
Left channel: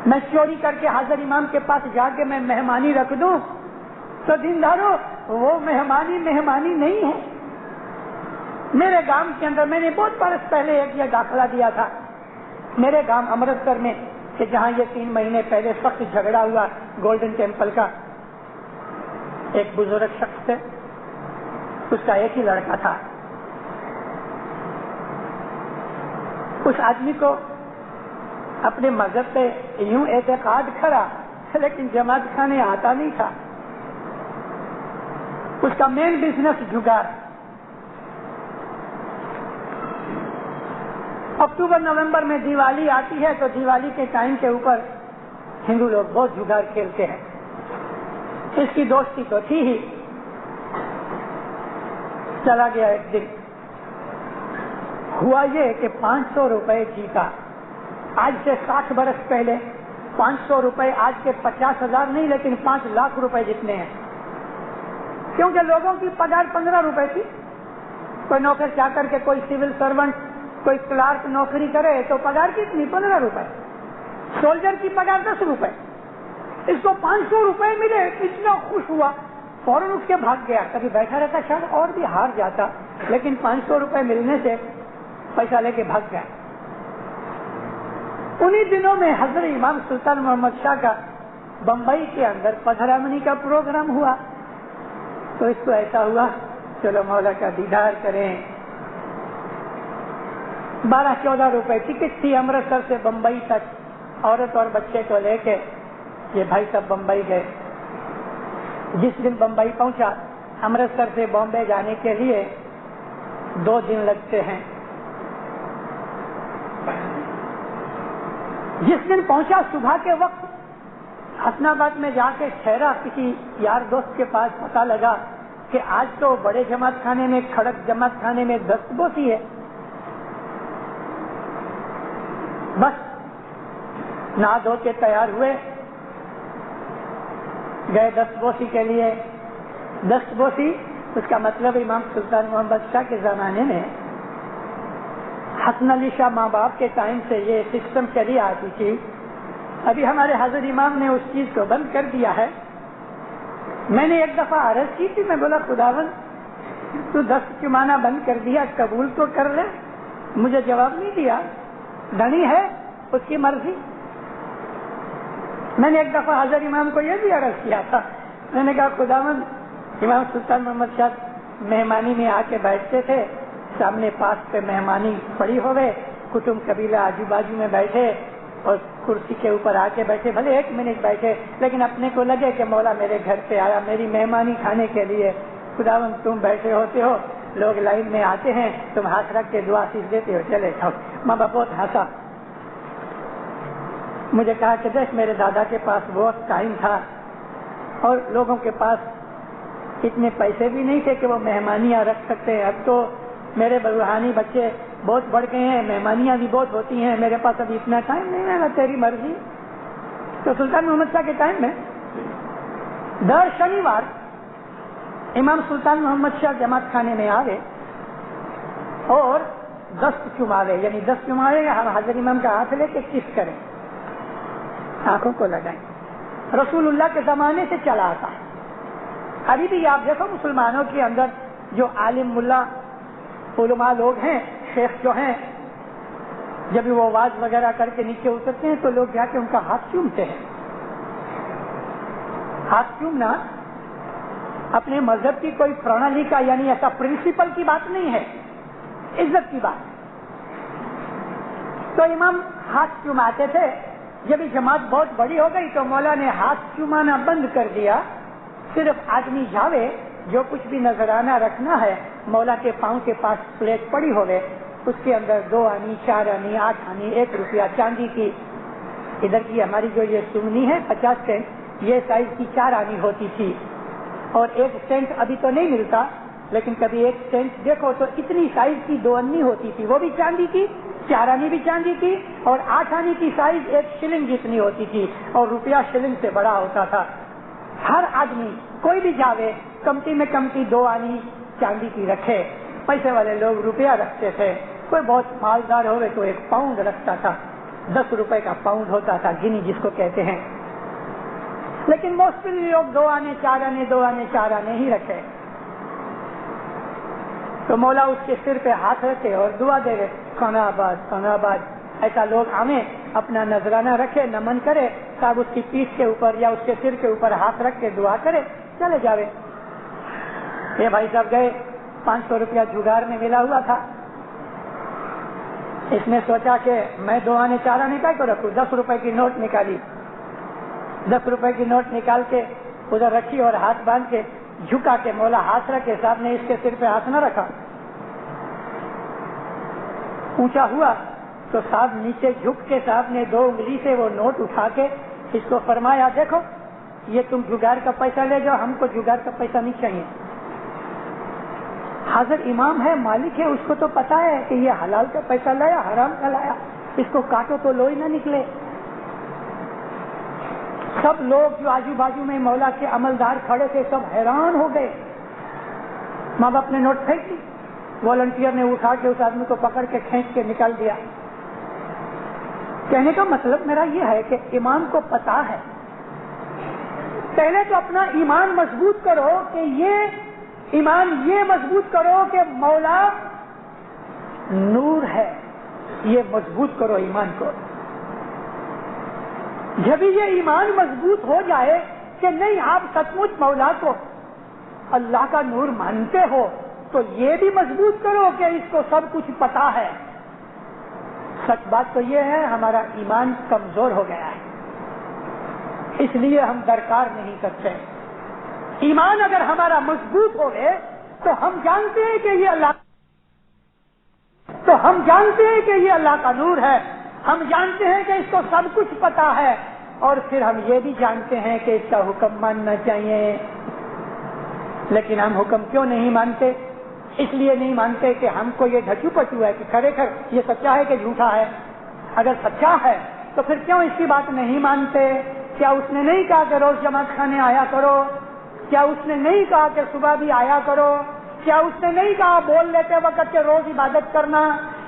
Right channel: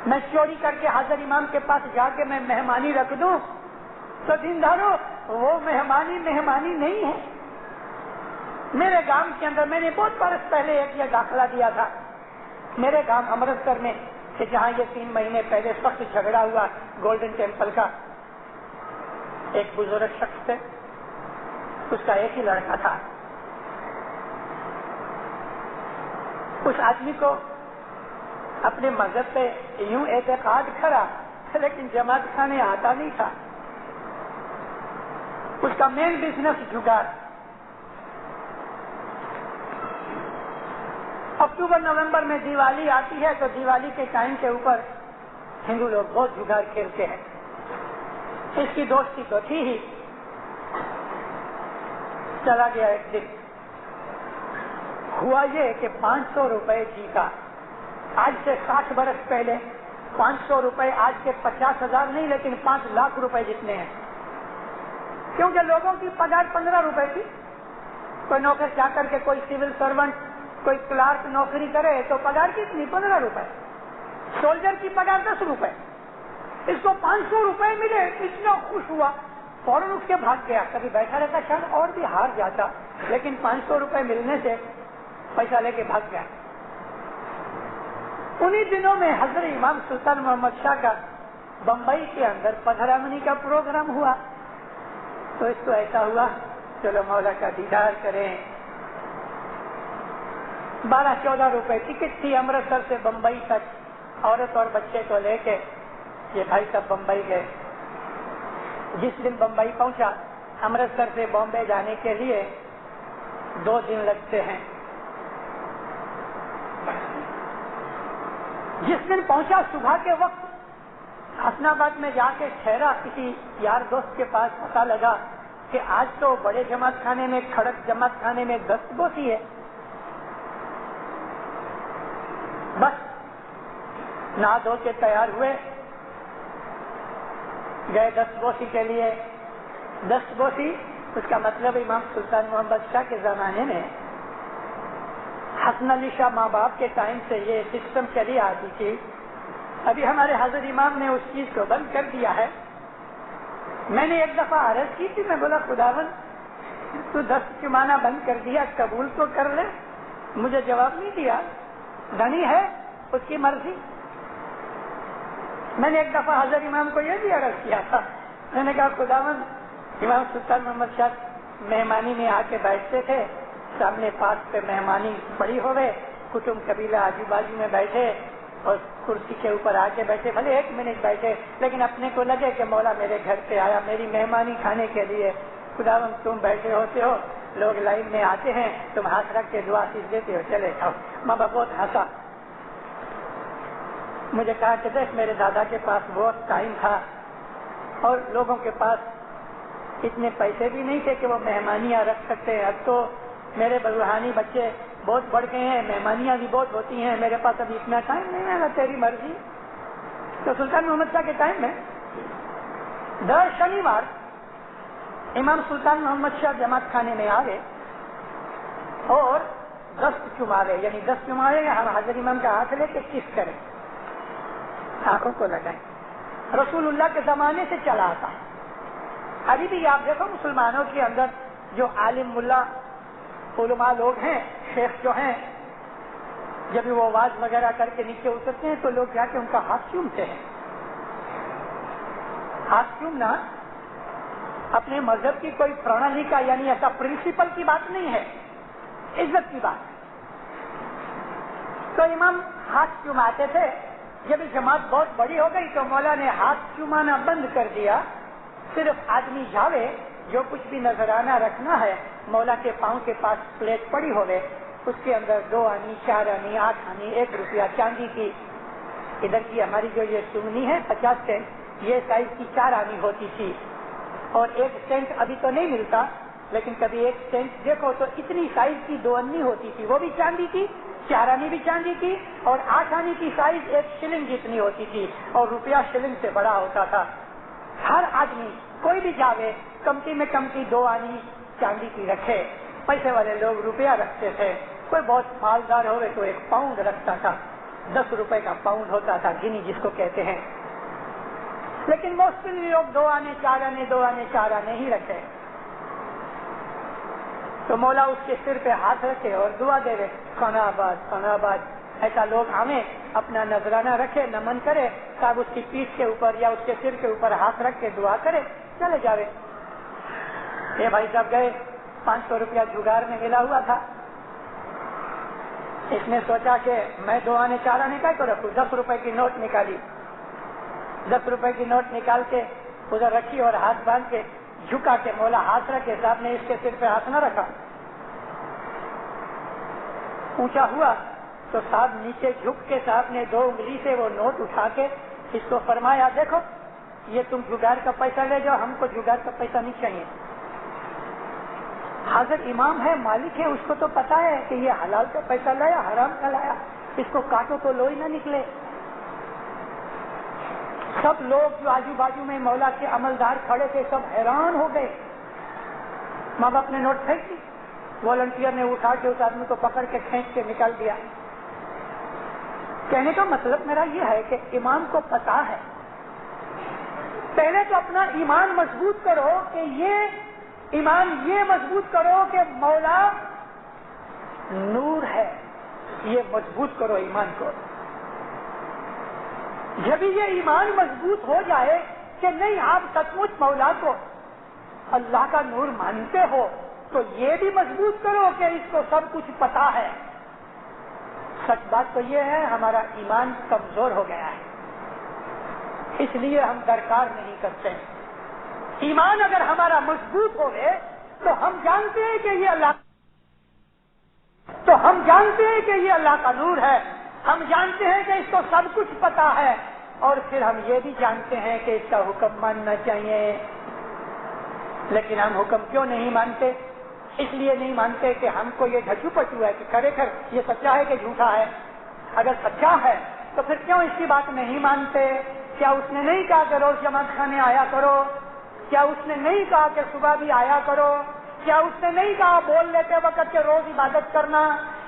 میں چوری کر کے حضرت امام کے پاس جا کے میں مہمانی رکھ دوں تو دینداروں وہ مہمانی نہیں ہے. میرے گاؤں کے اندر میں نے بہت برس پہلے ایک یہ داخلہ دیا تھا میرے گاؤں امرتسر میں, کہ جہاں یہ 3 مہینے پہلے سخت جھگڑا ہوا گولڈن ٹیمپل کا. ایک بزرگ شخص سے, اس کا ایک ہی لڑکا تھا. اس آدمی کو اپنے مذہب پہ یوں اعتقاد کھڑا, لیکن جماعت خانے آتا نہیں تھا. اس کا مین بزنس جگار. اکتوبر نومبر میں دیوالی آتی ہے تو دیوالی کے ٹائم کے اوپر ہندو لوگ بہت جگار کھیلتے ہیں. اس کی دوستی تو تھی ہی. چلا گیا ایک دن, ہوا یہ کہ 500 روپے جیتا. آج سے 60 برس پہلے 500 روپے آج کے 50,000 نہیں, لیکن 5 لاکھ روپے جتنے ہیں. کیونکہ لوگوں کی پگار 15 روپے تھی. کوئی نوکر کیا کر کے, کوئی سول سرونٹ, کوئی کلارک نوکری کرے تو پگار کتنی, 15 روپے. سولجر کی پگار 10 روپے. اس کو 500 روپے ملے, اتنا خوش ہوا, فوراً اٹھ کے بھاگ گیا. کبھی بیٹھا رہتا شاید اور بھی ہار جاتا, لیکن 500 روپے ملنے سے پیسہ لے کے بھاگ گیا. انہی دنوں میں حضرت امام سلطان محمد شاہ کا بمبئی کے اندر 15 منی کا پروگرام ہوا. تو اس کو ایسا ہوا چلو مولا کا دیدار کریں. 12-14 روپے ٹکٹ تھی امرتسر سے بمبئی تک. عورت اور بچے کو لے کے یہ بھائی صاحب بمبئی گئے. جس دن بمبئی پہنچا, امرتسر سے بامبے جانے کے لیے 2 دن لگتے ہیں. جس دن پہنچا صبح کے وقت حسن آباد میں جا کے ٹھہرا, کسی یار دوست کے پاس پتا لگا کہ آج تو بڑے جماعت خانے میں, کھڑک جماعت خانے میں دستبوسی ہے. بس نہا دھو کے تیار ہوئے, گئے دستبوسی کے لیے. دستبوسی اس کا مطلب امام سلطان محمد شاہ کے زمانے میں حسن علی شاہ ماں باپ کے ٹائم سے یہ سسٹم چلی آتی تھی. ابھی ہمارے حضرت امام نے اس چیز کو بند کر دیا ہے. میں نے ایک دفعہ عرض کی تھی, میں بولا خداوند تو دست چمانا بند کر دیا, قبول تو کر لے. مجھے جواب نہیں دیا. دھنی ہے اس کی مرضی. میں نے ایک دفعہ حضرت امام کو یہ بھی عرض کیا تھا. میں نے کہا خداوند امام سلطان محمد شاہ مہمانی میں آ کے بیٹھتے تھے, سامنے پاس پہ مہمانی پڑی ہوئے, کٹمب قبیلہ آجو بازو میں بیٹھے اور کرسی کے اوپر آ کے بیٹھے, بھلے 1 منٹ بیٹھے, لیکن اپنے کو لگے کہ مولا میرے گھر پہ آیا میری مہمانی کھانے کے لیے. خداوند تم بیٹھے ہوتے ہو, لوگ لائن میں آتے ہیں, تم ہاتھ رکھ کے دعا سیکھ دیتے ہو, چلے جاؤ. ماں باپ بہت ہنسا. مجھے کہا کہ دیکھ میرے دادا کے پاس بہت ٹائم تھا اور لوگوں کے پاس اتنے پیسے بھی نہیں تھے کہ وہ مہمانیاں رکھ سکتے ہیں. اب تو میرے روحانی بچے بہت بڑھ گئے ہیں, مہمانیاں بھی بہت ہوتی ہیں, میرے پاس ابھی اتنا ٹائم نہیں ہے, تیری مرضی. تو سلطان محمد شاہ کے ٹائم میں در شنیوار امام سلطان محمد شاہ جماعت خانے میں آوے اور دست چماوے, یعنی دست چماوے ہم حضرت امام کا ہاتھ لے کے کس کریں, آنکھوں کو لگائیں. رسول اللہ کے زمانے سے چلا آتا. ابھی بھی آپ دیکھو مسلمانوں کے اندر جو عالم ملا علماء لوگ ہیں, شیخ جو ہیں, جب وہ آواز وغیرہ کر کے نیچے اترتے ہیں تو لوگ جا کے ان کا ہاتھ چومتے ہیں. ہاتھ چومنا اپنے مذہب کی کوئی پرنالی کا یعنی ایسا پرنسپل کی بات نہیں ہے, عزت کی بات. تو امام ہاتھ چوماتے تھے. جب جماعت بہت بڑی ہو گئی تو مولا نے ہاتھ چومانا بند کر دیا. صرف آدمی جاوے, جو کچھ بھی نذرانہ رکھنا ہے, مولا کے پاؤں کے پاس پلیٹ پڑی ہوئے, اس کے اندر 2 آنی 4 آنی 8 آنی 1 روپیہ چاندی کی. ادھر کی ہماری جو یہ چمنی ہے 50 سینٹ, یہ سائز کی 4 آنی ہوتی تھی, اور 1 سینٹ ابھی تو نہیں ملتا, لیکن کبھی 1 سینٹ دیکھو تو اتنی سائز کی 2 آنی ہوتی تھی, وہ بھی چاندی کی, 4 آنی بھی چاندی کی, اور 8 آنی کی سائز 1 شلنگ جتنی ہوتی تھی, اور روپیہ شلنگ سے بڑا ہوتا تھا. ہر آدمی کوئی بھی جاوے کمتی میں کمتی 2 آنی چاندی کی رکھے. پیسے والے لوگ روپیہ رکھتے تھے, کوئی بہت مالدار ہوئے تو 1 پاؤنڈ رکھتا تھا. 10 روپے کا پاؤنڈ ہوتا تھا, گنی جس کو کہتے ہیں. لیکن موسٹلی لوگ 2 آنے 4 آنے 2 آنے 4 آنے ہی رکھے. تو مولا اس کے سر پہ ہاتھ رکھے اور دعا دے رہے کھانا آباد. ایسا لوگ آئیں اپنا نذرانہ رکھے, نمن کرے, صاحب اس کی پیٹھ کے اوپر یا اس کے سر کے اوپر ہاتھ رکھ کے دعا کرے, چلے جاوے. یہ بھائی صاحب گئے, 500 روپیہ جگار میں ملا ہوا تھا. اس نے سوچا کہ میں 2 آنے 4 آنے کا تو رکھوں. 10 روپے کی نوٹ نکالی, 10 روپے کی نوٹ نکال کے ادھر رکھی اور ہاتھ باندھ کے جھکا کے مولا ہاتھ رکھے. صاحب نے اس کے سر پہ ہاتھ نہ رکھا. اونچا ہوا تو صاحب نیچے جھک کے صاحب نے 2 انگلی سے وہ نوٹ اٹھا کے اس کو فرمایا, دیکھو یہ تم جگار کا پیسہ لے جاؤ, ہم کو جگار کا پیسہ نہیں چاہیے. حاضر امام ہے, مالک ہے, اس کو تو پتا ہے کہ یہ حلال کا پیسہ لایا حرام کا لایا, اس کو کاٹو تو لوئی نہ نکلے. سب لوگ جو آجو بازو میں مولا کے عملدار کھڑے تھے سب حیران ہو گئے. ماں باپ نے نوٹ پھینک دی, والنٹیئر نے اٹھا کے اس آدمی کو پکڑ کے کھینچ کے نکال دیا. کہنے کا مطلب میرا یہ ہے کہ امام کو پتا ہے, پہلے تو اپنا ایمان مضبوط کرو کہ یہ ایمان یہ مضبوط کرو کہ مولا نور ہے, یہ مضبوط کرو ایمان کو. جب یہ ایمان مضبوط ہو جائے کہ نہیں آپ سچ مچ مولا کو اللہ کا نور مانتے ہو, تو یہ بھی مضبوط کرو کہ اس کو سب کچھ پتا ہے. سچ بات تو یہ ہے ہمارا ایمان کمزور ہو گیا ہے, اس لیے ہم درکار نہیں کرتے. ایمان اگر ہمارا مضبوط ہو گئے تو ہم جانتے ہیں کہ یہ اللہ کا نور ہے, ہم جانتے ہیں کہ اس کو سب کچھ پتا ہے, اور پھر ہم یہ بھی جانتے ہیں کہ اس کا حکم ماننا چاہیے. لیکن ہم حکم کیوں نہیں مانتے؟ اس لیے نہیں مانتے کہ ہم کو یہ ڈھچو پچو ہے کہ کھر یہ سچا ہے کہ جھوٹا ہے. اگر سچا ہے تو پھر کیوں اس کی بات نہیں مانتے؟ کیا اس نے نہیں کہا کہ روز جماعت خانے آیا کرو؟ کیا اس نے نہیں کہا کہ صبح بھی آیا کرو؟ کیا اس نے نہیں کہا بول لیتے وقت کہ روز عبادت کرنا؟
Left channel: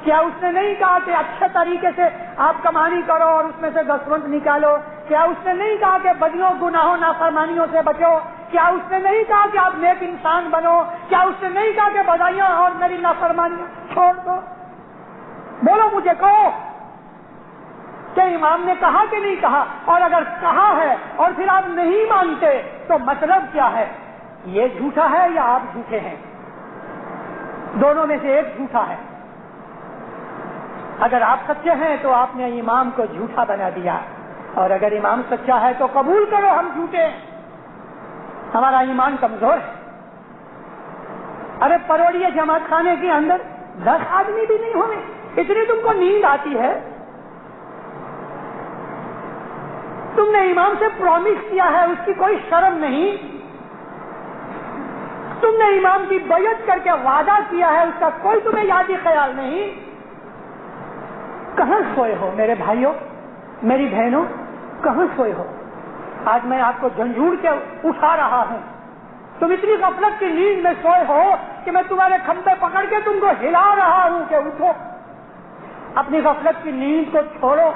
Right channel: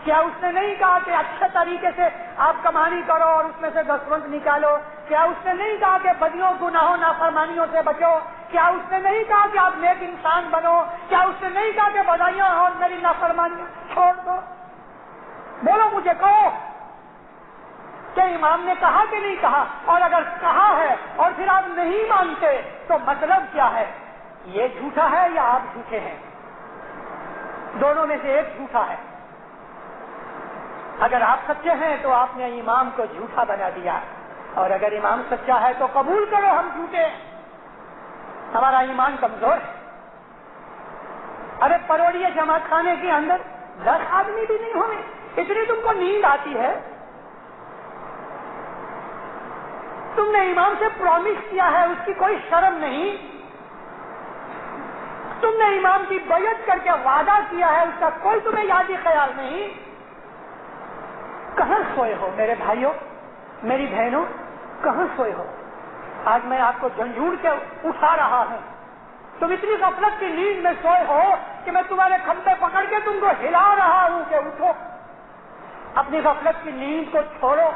کیا اس نے نہیں کہا کہ اچھے طریقے سے آپ کمانی کرو اور اس میں سے 10 نکالو؟ کیا اس نے نہیں کہا کہ بدیوں گناہوں نافرمانیوں سے بچو؟ کیا اس نے نہیں کہا کہ آپ نیک انسان بنو؟ کیا اس نے نہیں کہا کہ بدائیاں اور میری نافرمانیاں چھوڑ دو؟ بولو مجھے کہو کہ امام نے کہا کہ نہیں کہا؟ اور اگر کہا ہے اور پھر آپ نہیں مانتے تو مطلب کیا ہے؟ یہ جھوٹا ہے یا آپ جھوٹے ہیں؟ دونوں میں سے ایک جھوٹا ہے. اگر آپ سچے ہیں تو آپ نے امام کو جھوٹا بنا دیا, اور اگر امام سچا ہے تو قبول کرو ہم جھوٹے ہیں, ہمارا ایمان کمزور ہے. ارے پروڑیے جماعت خانے کے اندر 10 آدمی بھی نہیں ہوئے, اتنی تم کو نیند آتی ہے. تم نے امام سے پرومس کیا ہے, اس کی کوئی شرم نہیں. تم نے امام کی بیعت کر کے وعدہ کیا ہے, اس کا کوئی تمہیں یادی خیال نہیں. کہاں سوئے ہو میرے بھائیوں, میری بہنوں, کہاں سوئے ہو؟ آج میں آپ کو جھنجھوڑ کے اٹھا رہا ہوں. تم اتنی غفلت کی نیند میں سوئے ہو کہ میں تمہارے کھمبے پکڑ کے تم کو ہلا رہا ہوں کہ اٹھو. اپنی غفلت کی نیند کو چھوڑو,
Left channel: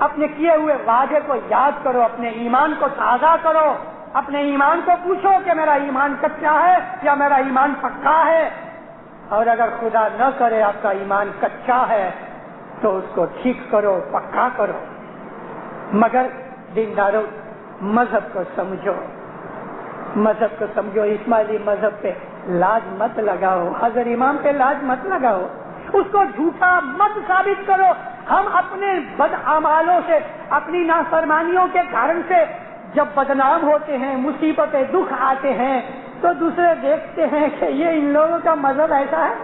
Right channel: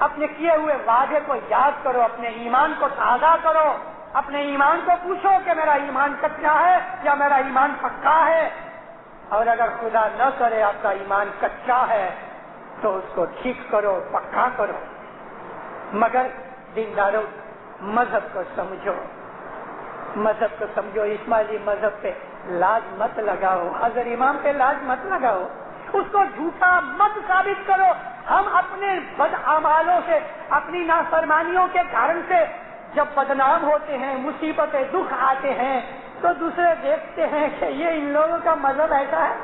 اپنے کیے ہوئے وعدے کو یاد کرو, اپنے ایمان کو تازہ کرو, اپنے ایمان کو پوچھو کہ میرا ایمان کچا ہے یا میرا ایمان پکا ہے. اور اگر خدا نہ کرے آپ کا ایمان کچا ہے تو اس کو ٹھیک کرو, پکا کرو. مگر دینداروں, مذہب کو سمجھو, مذہب کو سمجھو. اسماعیلی مذہب پہ لاج مت لگاؤ, حضرت امام پہ لاج مت لگاؤ, اس کو جھوٹا مت ثابت کرو. ہم اپنے بد اعمالوں سے, اپنی نافرمانیوں کے کارن سے جب بدنام ہوتے ہیں, مصیبتیں دکھ آتے ہیں, تو دوسرے دیکھتے ہیں کہ یہ ان لوگوں کا مذہب ایسا ہے.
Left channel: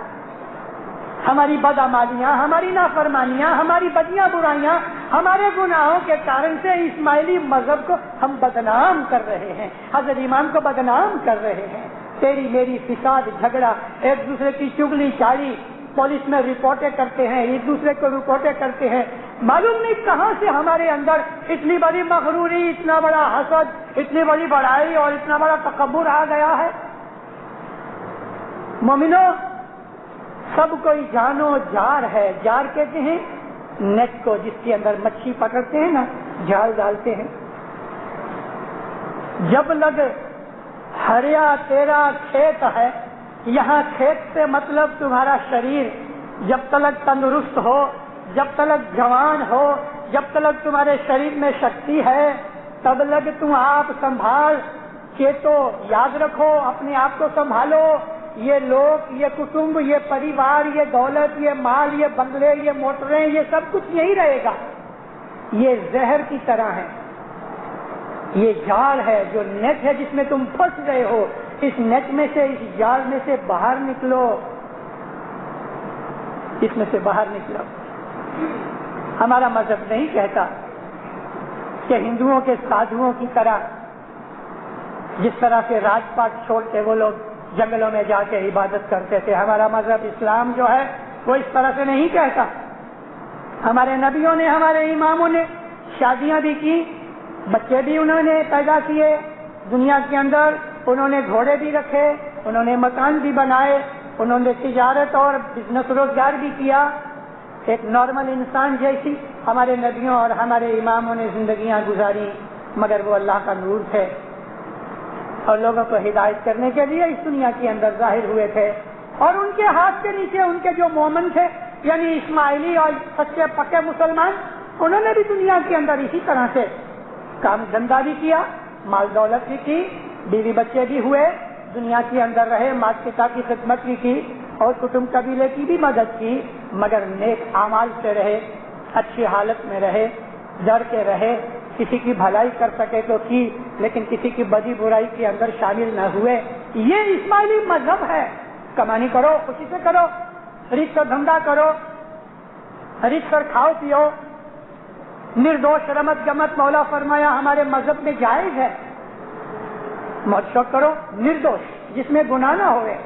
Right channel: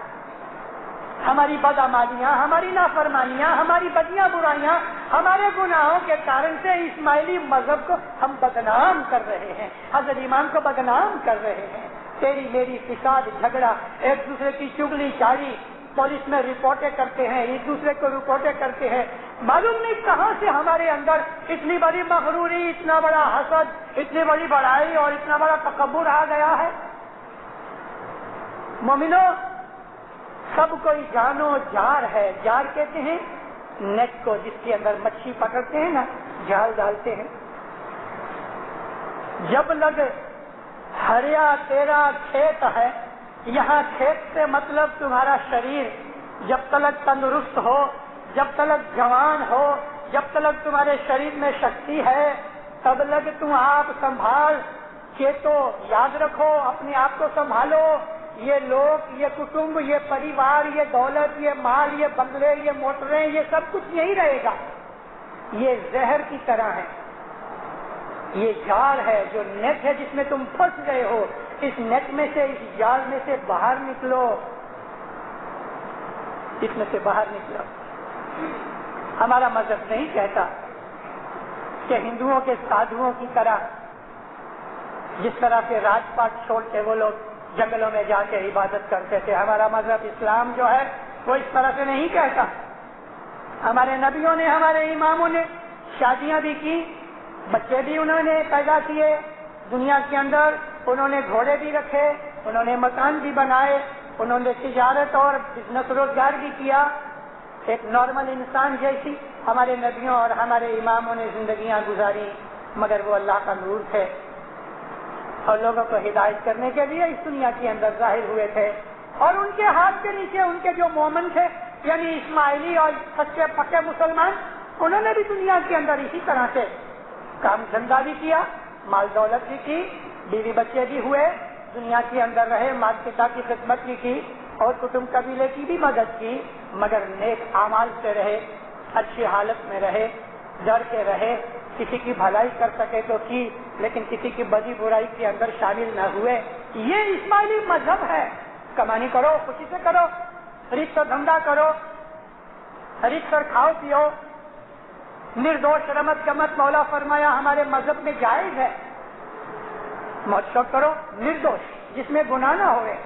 ہماری بدعمالیاں, ہماری نافرمانیاں, ہماری بدیاں برائیاں, ہمارے گناہوں کے کارن سے اسماعیلی مذہب کو ہم بدنام کر رہے ہیں, حضرت امام کو بدنام کر رہے ہیں. تیری میری فساد, جھگڑا, ایک دوسرے کی چگلی چاری, پولیس میں رپورٹیں کرتے ہیں, ایک دوسرے کو رپورٹیں کرتے ہیں. معلوم نہیں کہاں سے ہمارے اندر اتنی بڑی مغروری, اتنا بڑا حسد, اتنی بڑی بڑائی اور اتنا بڑا تکبر آ گیا ہے. مومنو, سب کوئی جانو جار ہے. جار کہتے ہیں نیٹ کو جس کے اندر مچھلی پکڑتے ہیں نا, جال ڈالتے ہیں. جب لگ ہریا تیرا کھیت ہے، یہاں کھیت سے مطلب تمہارا شریر جب تلک تندرست ہو، جب تلک جوان ہو، جب تلک تمہارے شریر میں شکتی ہے، تب لگ تم آپ سنبھال کے تو یاد رکھو، اپنے آپ کو سنبھالو. یہ لوگ، یہ کٹمب، یہ پریوار، یہ دولت، یہ مال، یہ بنگلے، یہ موٹریں، یہ سب کچھ یہی رہے گا. یہ زہر کی طرح ہے، یہ جال ہے، جو نیٹ ہے جس میں تم پھنس گئے ہو. اس نیٹ میں سے، اس جال میں سے باہر نکلو، اس میں سے باہر نکلو. ہمارا مذہب نہیں کہتا کہ ہندوؤں کے سادھوؤں کی طرح جس طرح سے راج پاٹ چھوڑتے وہ لوگ جنگلوں میں جا کے عبادت کرتے تھے. ہمارا مذہب اسلام جو ہے وہ اس طرح سے نہیں کہتا. ہمارے نبیوں نے، ہمارے اماموں نے شادیاں بھی کی، بچے بھی انہوں نے پیدا کیے دنیا کے اندر، انہوں نے گھوڑے بھی رکھے، انہوں نے مکان بھی بنائے، انہوں نے تجارت اور بزنس روزگار بھی کیا. ایک نارمل انسان جیسی ہمارے نبیوں اور ہمارے اماموں نے زندگیاں گزاری، مگر وہ اللہ کا نور تھے اور لوگوں کو ہدایت کرنے کے لیے اس دنیا کے اندر ظاہر ہوئے تھے. اور ان کے ہاتھ کے نیچے ان کے جو مومن تھے، یعنی اسماعیلی اور سچے پکے مسلمان، انہوں نے بھی دنیا کے اندر اسی طرح سے کام دھندا بھی کیا، مال دولت بھی کی، بیوی بچے بھی ہوئے، دنیا کے اندر رہے، ماتا پتا کی خدمت بھی کی اور کٹمب قبیلے کی بھی مدد کی، مگر نیک اعمال سے رہے، اچھی حالت میں رہے، ڈر کے رہے، کسی کی بھلائی کر سکے تو کی، لیکن کسی کی بدی برائی کے اندر شامل نہ ہوئے. یہ اسماعیلی مذہب ہے. کمانی کرو، خوشی سے کرو، رزق اور دھندا کرو، رزق اور کھاؤ پیو، نردوش رمت گمت مولا فرمایا ہمارے مذہب میں جائز ہے. موج شوق کرو نردوش، جس میں گناہ نہ ہوئے،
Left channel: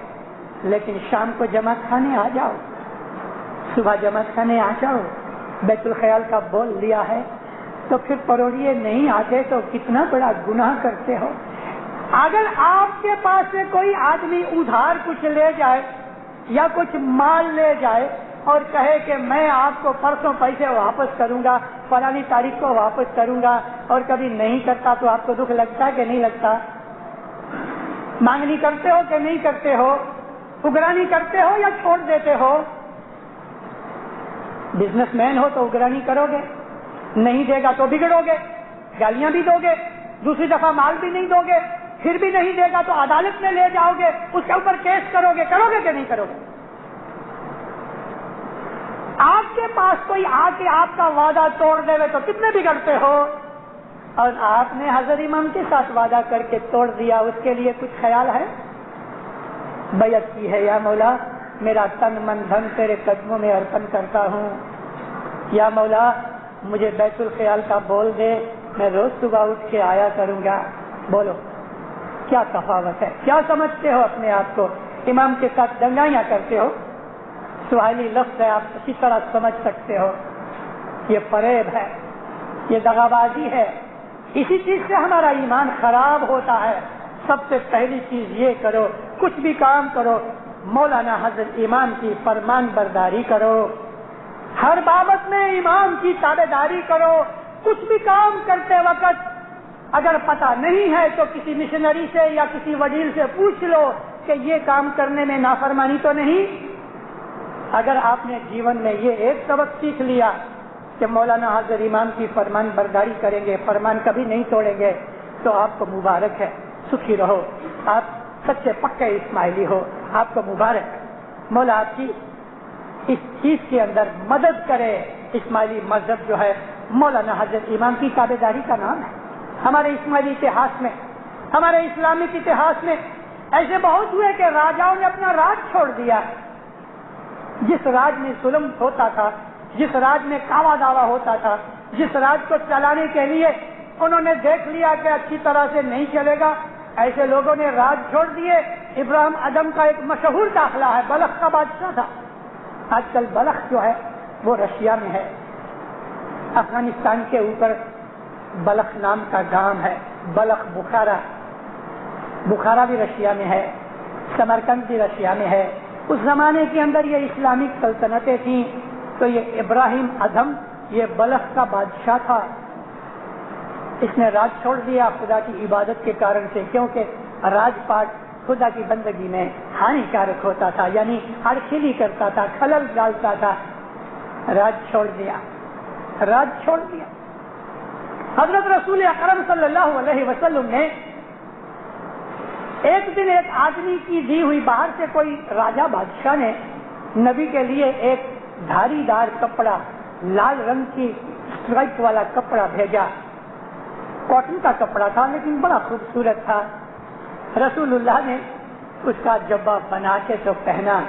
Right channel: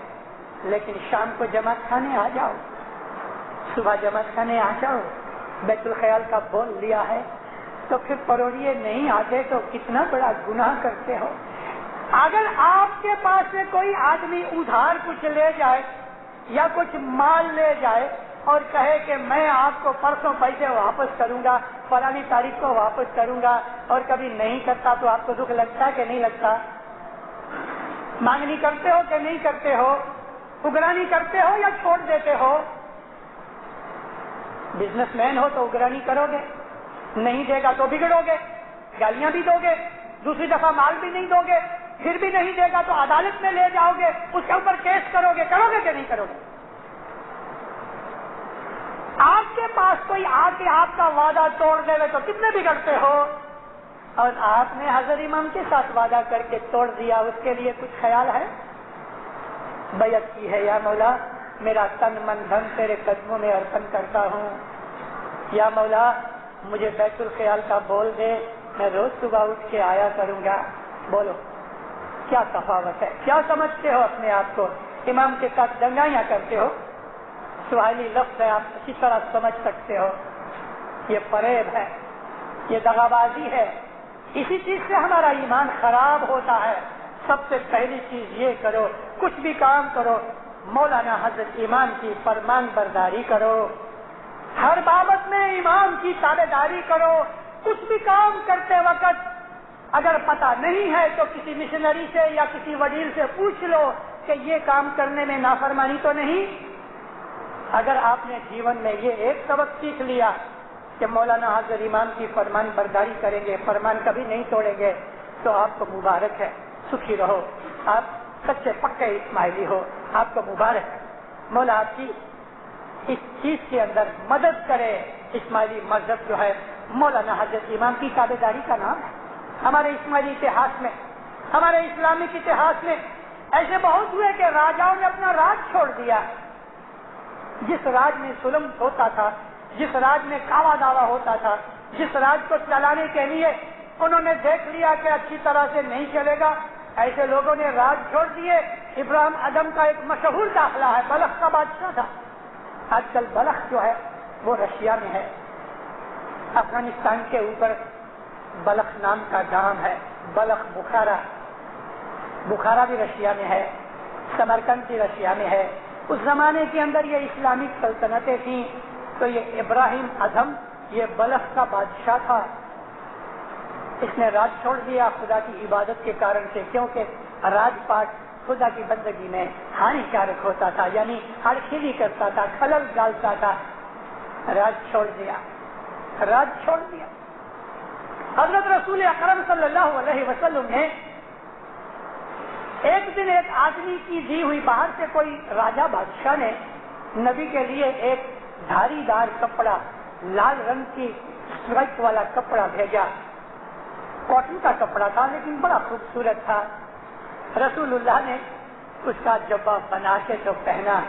لیکن شام کو جماعت کھانے آ جاؤ، صبح جماعت کھانے آ جاؤ. بیت الخیال کا بول لیا ہے تو پھر پروڑیے نہیں آتے تو کتنا بڑا گناہ کرتے ہو. اگر آپ کے پاس سے کوئی آدمی ادھار کچھ لے جائے یا کچھ مال لے جائے اور کہے کہ میں آپ کو پرسوں پیسے واپس کروں گا، فلانی تاریخ کو واپس کروں گا، اور کبھی نہیں کرتا تو آپ کو دکھ لگتا ہے کہ نہیں لگتا؟ مانگنی کرتے ہو کہ نہیں کرتے ہو؟ اگرانی کرتے ہو یا چھوڑ دیتے ہو؟ بزنس مین ہو تو اگرانی کرو گے، نہیں دے گا تو بگڑو گے، گالیاں بھی دو گے، دوسری دفعہ مال بھی نہیں دو گے، پھر بھی نہیں دے گا تو عدالت میں لے جاؤ گے، اس کے اوپر کیس کرو گے کہ نہیں کرو گے؟ آپ کے پاس کوئی آ کے آپ کا وعدہ توڑ دے تو کتنے بگڑتے ہو، اور آپ نے حضرت امام کے ساتھ وعدہ کر کے توڑ دیا، اس کے لیے کچھ خیال ہے؟ بیعت کی ہے، یا مولا میرا تن من دھن تیرے قدموں میں ارپن کرتا ہوں، یا مولا مجھے بیت الخیال کا بول دے، میں روز صبح اٹھ کے آیا کروں گا. بولو کیا تفاوت ہے؟ کیا سمجھتے ہو اپنے آپ کو؟ امام کے ساتھ دنگائیاں کرتے ہو، سوالی لفظ ہے، آپ اسی طرح سمجھ سکتے ہو. یہ فریب ہے، یہ دغابازی ہے. اسی چیز سے ہمارا ایمان خراب ہوتا ہے. سب سے پہلی چیز یہ کرو، کچھ بھی کام کرو مولانا حضرت امام کی فرمان برداری کرو، ہر بابت میں امام کی تابع داری کرو. کچھ بھی کام کرتے وقت اگر پتہ نہیں ہے تو کسی مشنری سے یا کسی وڈیل سے پوچھ لو کہ یہ کام کرنے میں نافرمانی تو نہیں. اگر آپ نے جیون میں یہ ایک سبق سیکھ لیا کہ مولانا حضرت امام کی فرمان برداری کریں گے، فرمان کبھی نہیں توڑیں گے، تو آپ کو مبارک ہے، سکھی رہو، آپ سچے پکے اسماعیلی ہو، آپ کو مبارک. مولا آپ کی اس چیز کے اندر مدد کرے. اسماعیلی مذہب جو ہے مولانا حضرت امام کی تابع داری کا نام ہے. ہمارے اسماعیلی اتہاس میں، ہمارے اسلامک اتہاس میں ایسے بہت ہوئے کہ راجاؤں نے اپنا راج چھوڑ دیا. جس راج میں ظلم ہوتا تھا، جس راج میں کاوا داوا ہوتا تھا، جس راج کو چلانے کے لیے انہوں نے دیکھ لیا کہ اچھی طرح سے نہیں چلے گا، ایسے لوگوں نے راج چھوڑ دیے. ابراہیم ادم کا ایک مشہور داخلہ ہے، بلخ کا بادشاہ تھا. آج کل بلخ جو ہے وہ رشیا میں ہے، افغانستان کے اوپر بلخ نام کا گام ہے. بلخ بخارا بھی رشیا میں ہے، سمرقند بھی رشیا میں ہے. اس زمانے کے اندر یہ اسلامک سلطنتیں تھیں. تو یہ ابراہیم ادم یہ بلخ کا بادشاہ تھا. اس نے راج چھوڑ دیا خدا کی عبادت کے کارن سے، کیونکہ راج پاٹ خدا کی بندگی میں ہانیکارک ہوتا تھا، یعنی ہڑکھیلی کرتا تھا، خلل ڈالتا تھا۔ راج چھوڑ دیا، راج چھوڑ دیا۔ حضرت رسول اکرم صلی اللہ علیہ وسلم نے ایک دن ایک آدمی کی دی ہوئی، باہر سے کوئی راجا بادشاہ نے نبی کے لیے ایک دھاری دار کپڑا، لال رنگ کی اسٹرائپ والا کپڑا بھیجا۔ کاٹن کا کپڑا تھا لیکن بڑا خوبصورت تھا۔ رسول اللہ نے اس کا جبہ بنا کے تو پہنا۔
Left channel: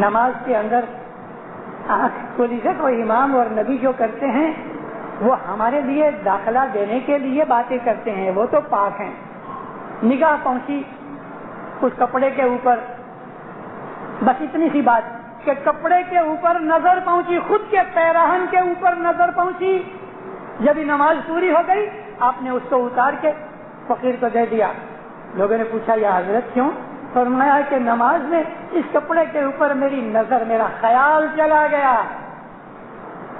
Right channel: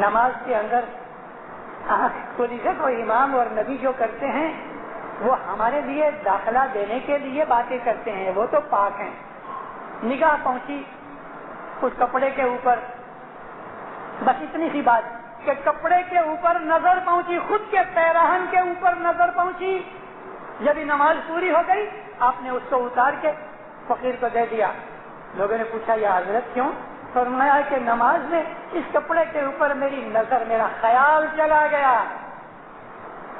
نماز کے اندر آنکھ کھولی سے کوئی امام اور نبی جو کرتے ہیں وہ ہمارے لیے داخلہ دینے کے لیے باتیں کرتے ہیں، وہ تو پاک ہیں۔ نگاہ پہنچی اس کپڑے کے اوپر، بس اتنی سی بات کہ کپڑے کے اوپر نظر پہنچی، خود کے پیراہن کے اوپر نظر پہنچی۔ جب نماز پوری ہو گئی آپ نے اس کو اتار کے فقیر کو دے دیا۔ لوگوں نے پوچھا یا حضرت کیوں؟ فرمایا کہ نماز میں اس کپڑے کے اوپر میری نظر، میرا خیال چلا گیا،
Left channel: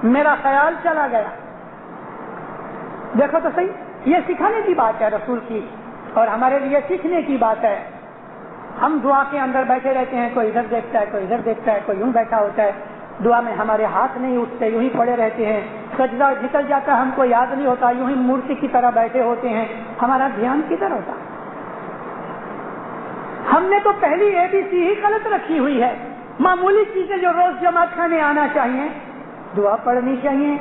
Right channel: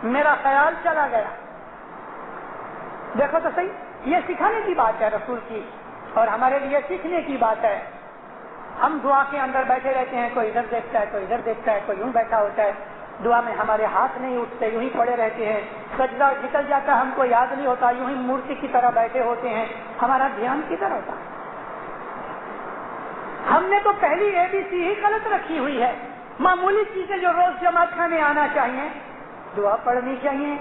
میرا خیال چلا گیا۔ دیکھو تو صحیح، یہ سکھانے کی بات ہے رسول کی، اور ہمارے لیے سیکھنے کی بات ہے۔ ہم دعا کے اندر بیٹھے رہتے ہیں، کوئی ادھر دیکھتا ہے، کوئی ادھر دیکھتا ہے، کوئی یوں بیٹھا ہوتا ہے، دعا میں ہمارے ہاتھ نہیں اٹھتے، یوں ہی پڑے رہتے ہیں، سجدہ نکل جاتا ہم کو یاد نہیں ہوتا، یوں ہی مورتی کی طرح بیٹھے ہوتے ہیں، ہمارا دھیان کدھر ہوتا؟ ہم نے تو پہلی ABC ہی غلط رکھی ہوئی ہے۔ معمولی چیزیں جو روز جماعت خانے آنا چاہیے، دعا پڑھنی چاہیے،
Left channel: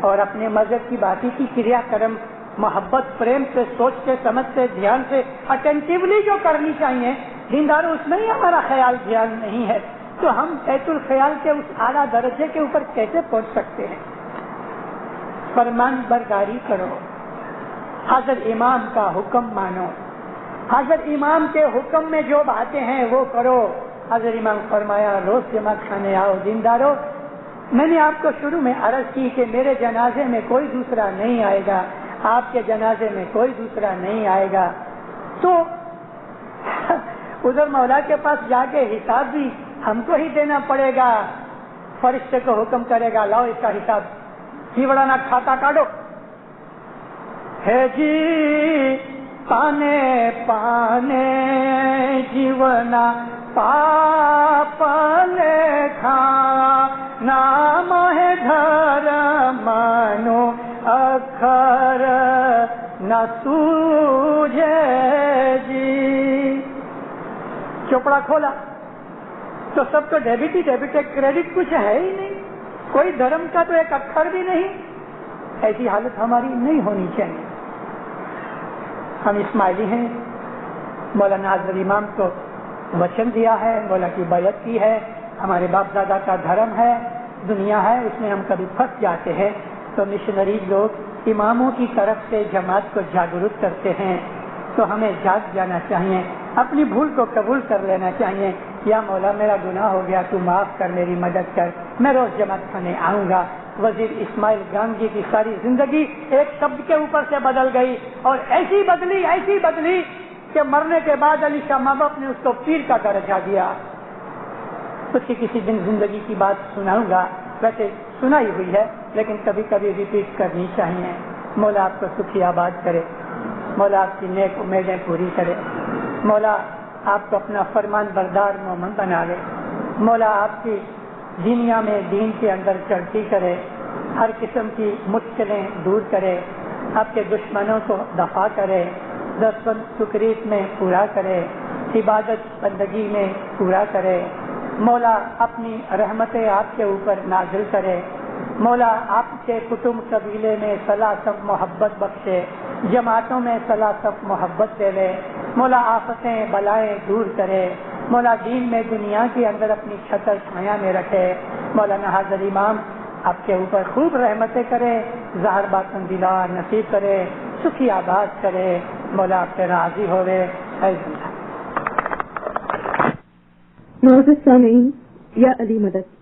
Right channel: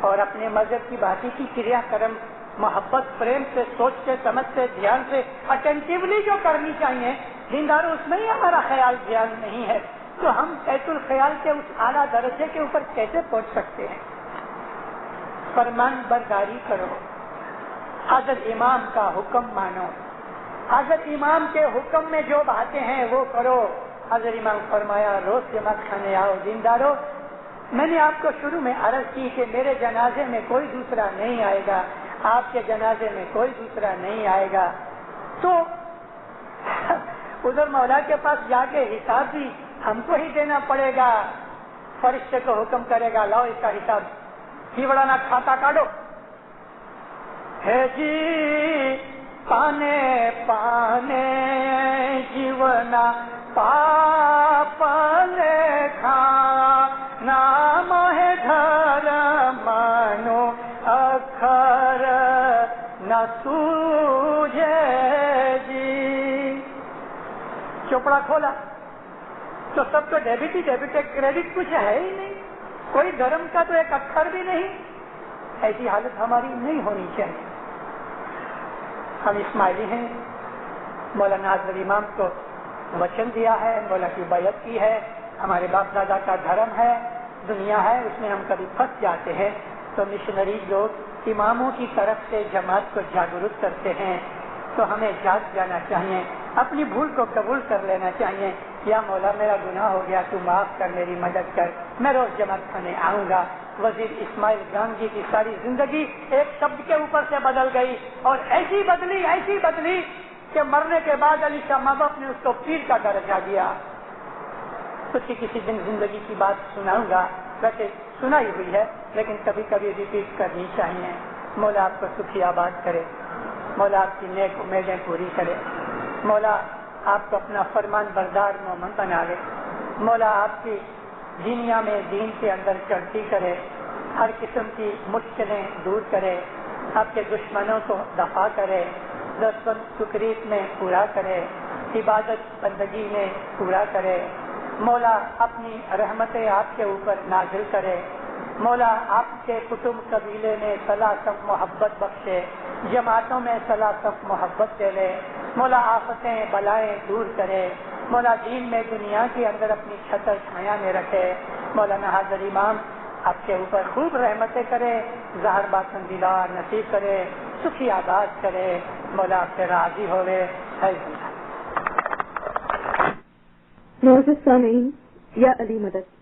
اور اپنے مذہب کی باتیں کی کریا کرم محبت پریم سے سوچتے سمجھتے دھیان سے اٹینٹیولی جو کرنی چاہیے، دینداروں اس میں ہی ہمارا خیال دھیان نہیں ہے، تو ہم بیت الخیال کے اس اعلیٰ درجے کے اوپر کیسے پہنچ سکتے ہیں؟ فرمان برداری کرو، حضرت امام کا حکم مانو، حضرت امام کے حکم میں جو باتیں ہیں وہ کرو۔ حضرت امام فرمایا روز جماعت خانے آؤ دینداروں۔ میں نے آپ کو شروع میں عرض کی کہ میرے جنازے میں کوئی دوسرا نہیں آئے گا، آپ کے جنازے میں کوئی دوسرا نہیں آئے گا، تو ادھر مولا کے پاس جا کے حساب بھی ہم کو ہی دینا پڑے گا۔ فرشتے کو حکم کرے گا لاؤ اس کا حساب، ہیوڑانا کھاتا کاٹو۔ ہے جی پانے پانے جیونا پاپ لکھا، نام ہے دھر مانو اکھر نہ سوجے جی۔ چوپڑا کھولا تو سب تو ڈیبٹ ہی ڈیبٹ ہے، کریڈٹ کچھ ہے ہی نہیں، کوئی دھرم کا تو ایک اکھر بھی نہیں۔ ایسی حالت ہماری نہیں ہونی چاہیے۔ ہم اسماعیلی ہیں، مولانا حضرت امام کو وچن دیا ہے، مولا کی بیعت کی ہے، ہمارے باپ دادا کا دھرم ہے، دنیا ہے، اس میں ہم کبھی پھنس جاتے ہیں تو مشنری لوگ اماموں کی طرف سے جماعت کو جاگرک کرتے ہیں، تو ہمیں جاگ جانا چاہیے، اپنی بھول کو قبول کر لینا چاہیے۔ یا مولا میرا گناہ ہو گیا، تو معاف کر، میری مدد کر، میں روز جماعت خانے آؤں گا۔ وزیر اسماعیل گانجی کی ساری زندگی ایک شبد کے اوپر سے بدل گئی، اور ایسی بدلی کہ مرنے کے بعد علی شاہ ماں باپ نے اس کو پیر کا درجہ دیا۔ اس کی کسی دن زندگی کی بات سناؤں گا، ویسے سنائی ہوئی ہے لیکن کبھی کبھی ریپیٹ کرنی چاہیے۔ مولا آپ کو سکھی آباد کرے، مولا آپ کی نیک امیدیں پوری کرے، مولا آپ کو اپنا فرمان بردار مومن بنا لے، مولا آپ کی دنیا میں دین کے اندر چڑھتی کرے، ہر قسم کی مشکلیں دور کرے، آپ کے دشمنوں کو دفاع کرے، دشمن تکلیف میں پورا کرے، عبادت بندگی میں پورا کرے، مولا اپنی رحمتیں آپ کے اوپر نازل کرے، مولا آپ کے کٹمب قبیلے میں صلاح صف محبت بخشے، جماعتوں میں صلاح صف محبت دے لے، مولا آفتیں بلائیں دور کرے، مولا دین میں دنیا کے اندر اپنی چھتر چھایا میں رکھے، مولانا حضرت امام آپ کے اوپر خوب رحمتیں کرے، ظاہر باطن دیدار نصیب کرے، سکھی آباد کرے، مولا آپ سے راضی ہوئے۔ معزز سامعین، یا علی مدد،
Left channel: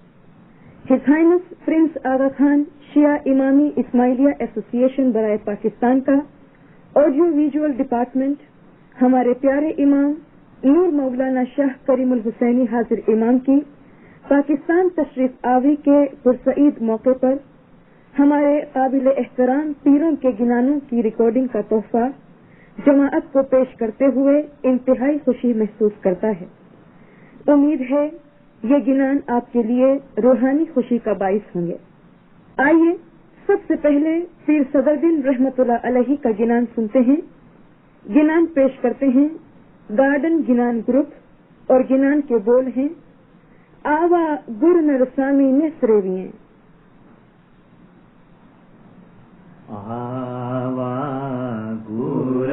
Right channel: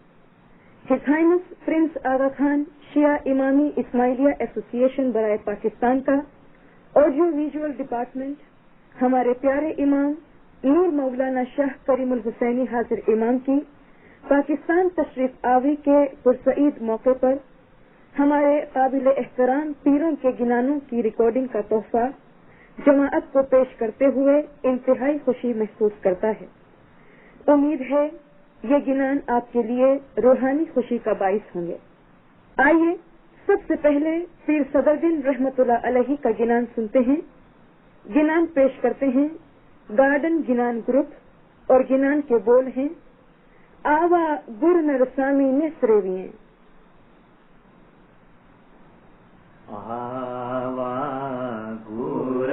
His Highness Prince Aga Khan شیعہ امامی اسماعیلیہ ایسوسی ایشن برائے پاکستان کا آڈیو ویژول ڈپارٹمنٹ ہمارے پیارے امام نور مولانا شاہ کریم الحسینی حاضر امام کی پاکستان تشریف آوری کے پرسعید موقع پر ہمارے قابل احترام پیروں کے گنانوں کی ریکارڈنگ کا تحفہ جماعت کو پیش کرتے ہوئے انتہائی خوشی محسوس کرتا ہے۔ امید ہے یہ گنان آپ کے لیے روحانی خوشی کا باعث ہوں گے۔ آئیے سب سے پہلے پیر صدرالدین رحمت اللہ علیہ کا گنان سنتے ہیں۔ گنان پیش کرتے ہیں گارڈن گنان گروپ اور گنان کے بول ہیں آوا گر نرسامی میں سرویاں۔ آوا گر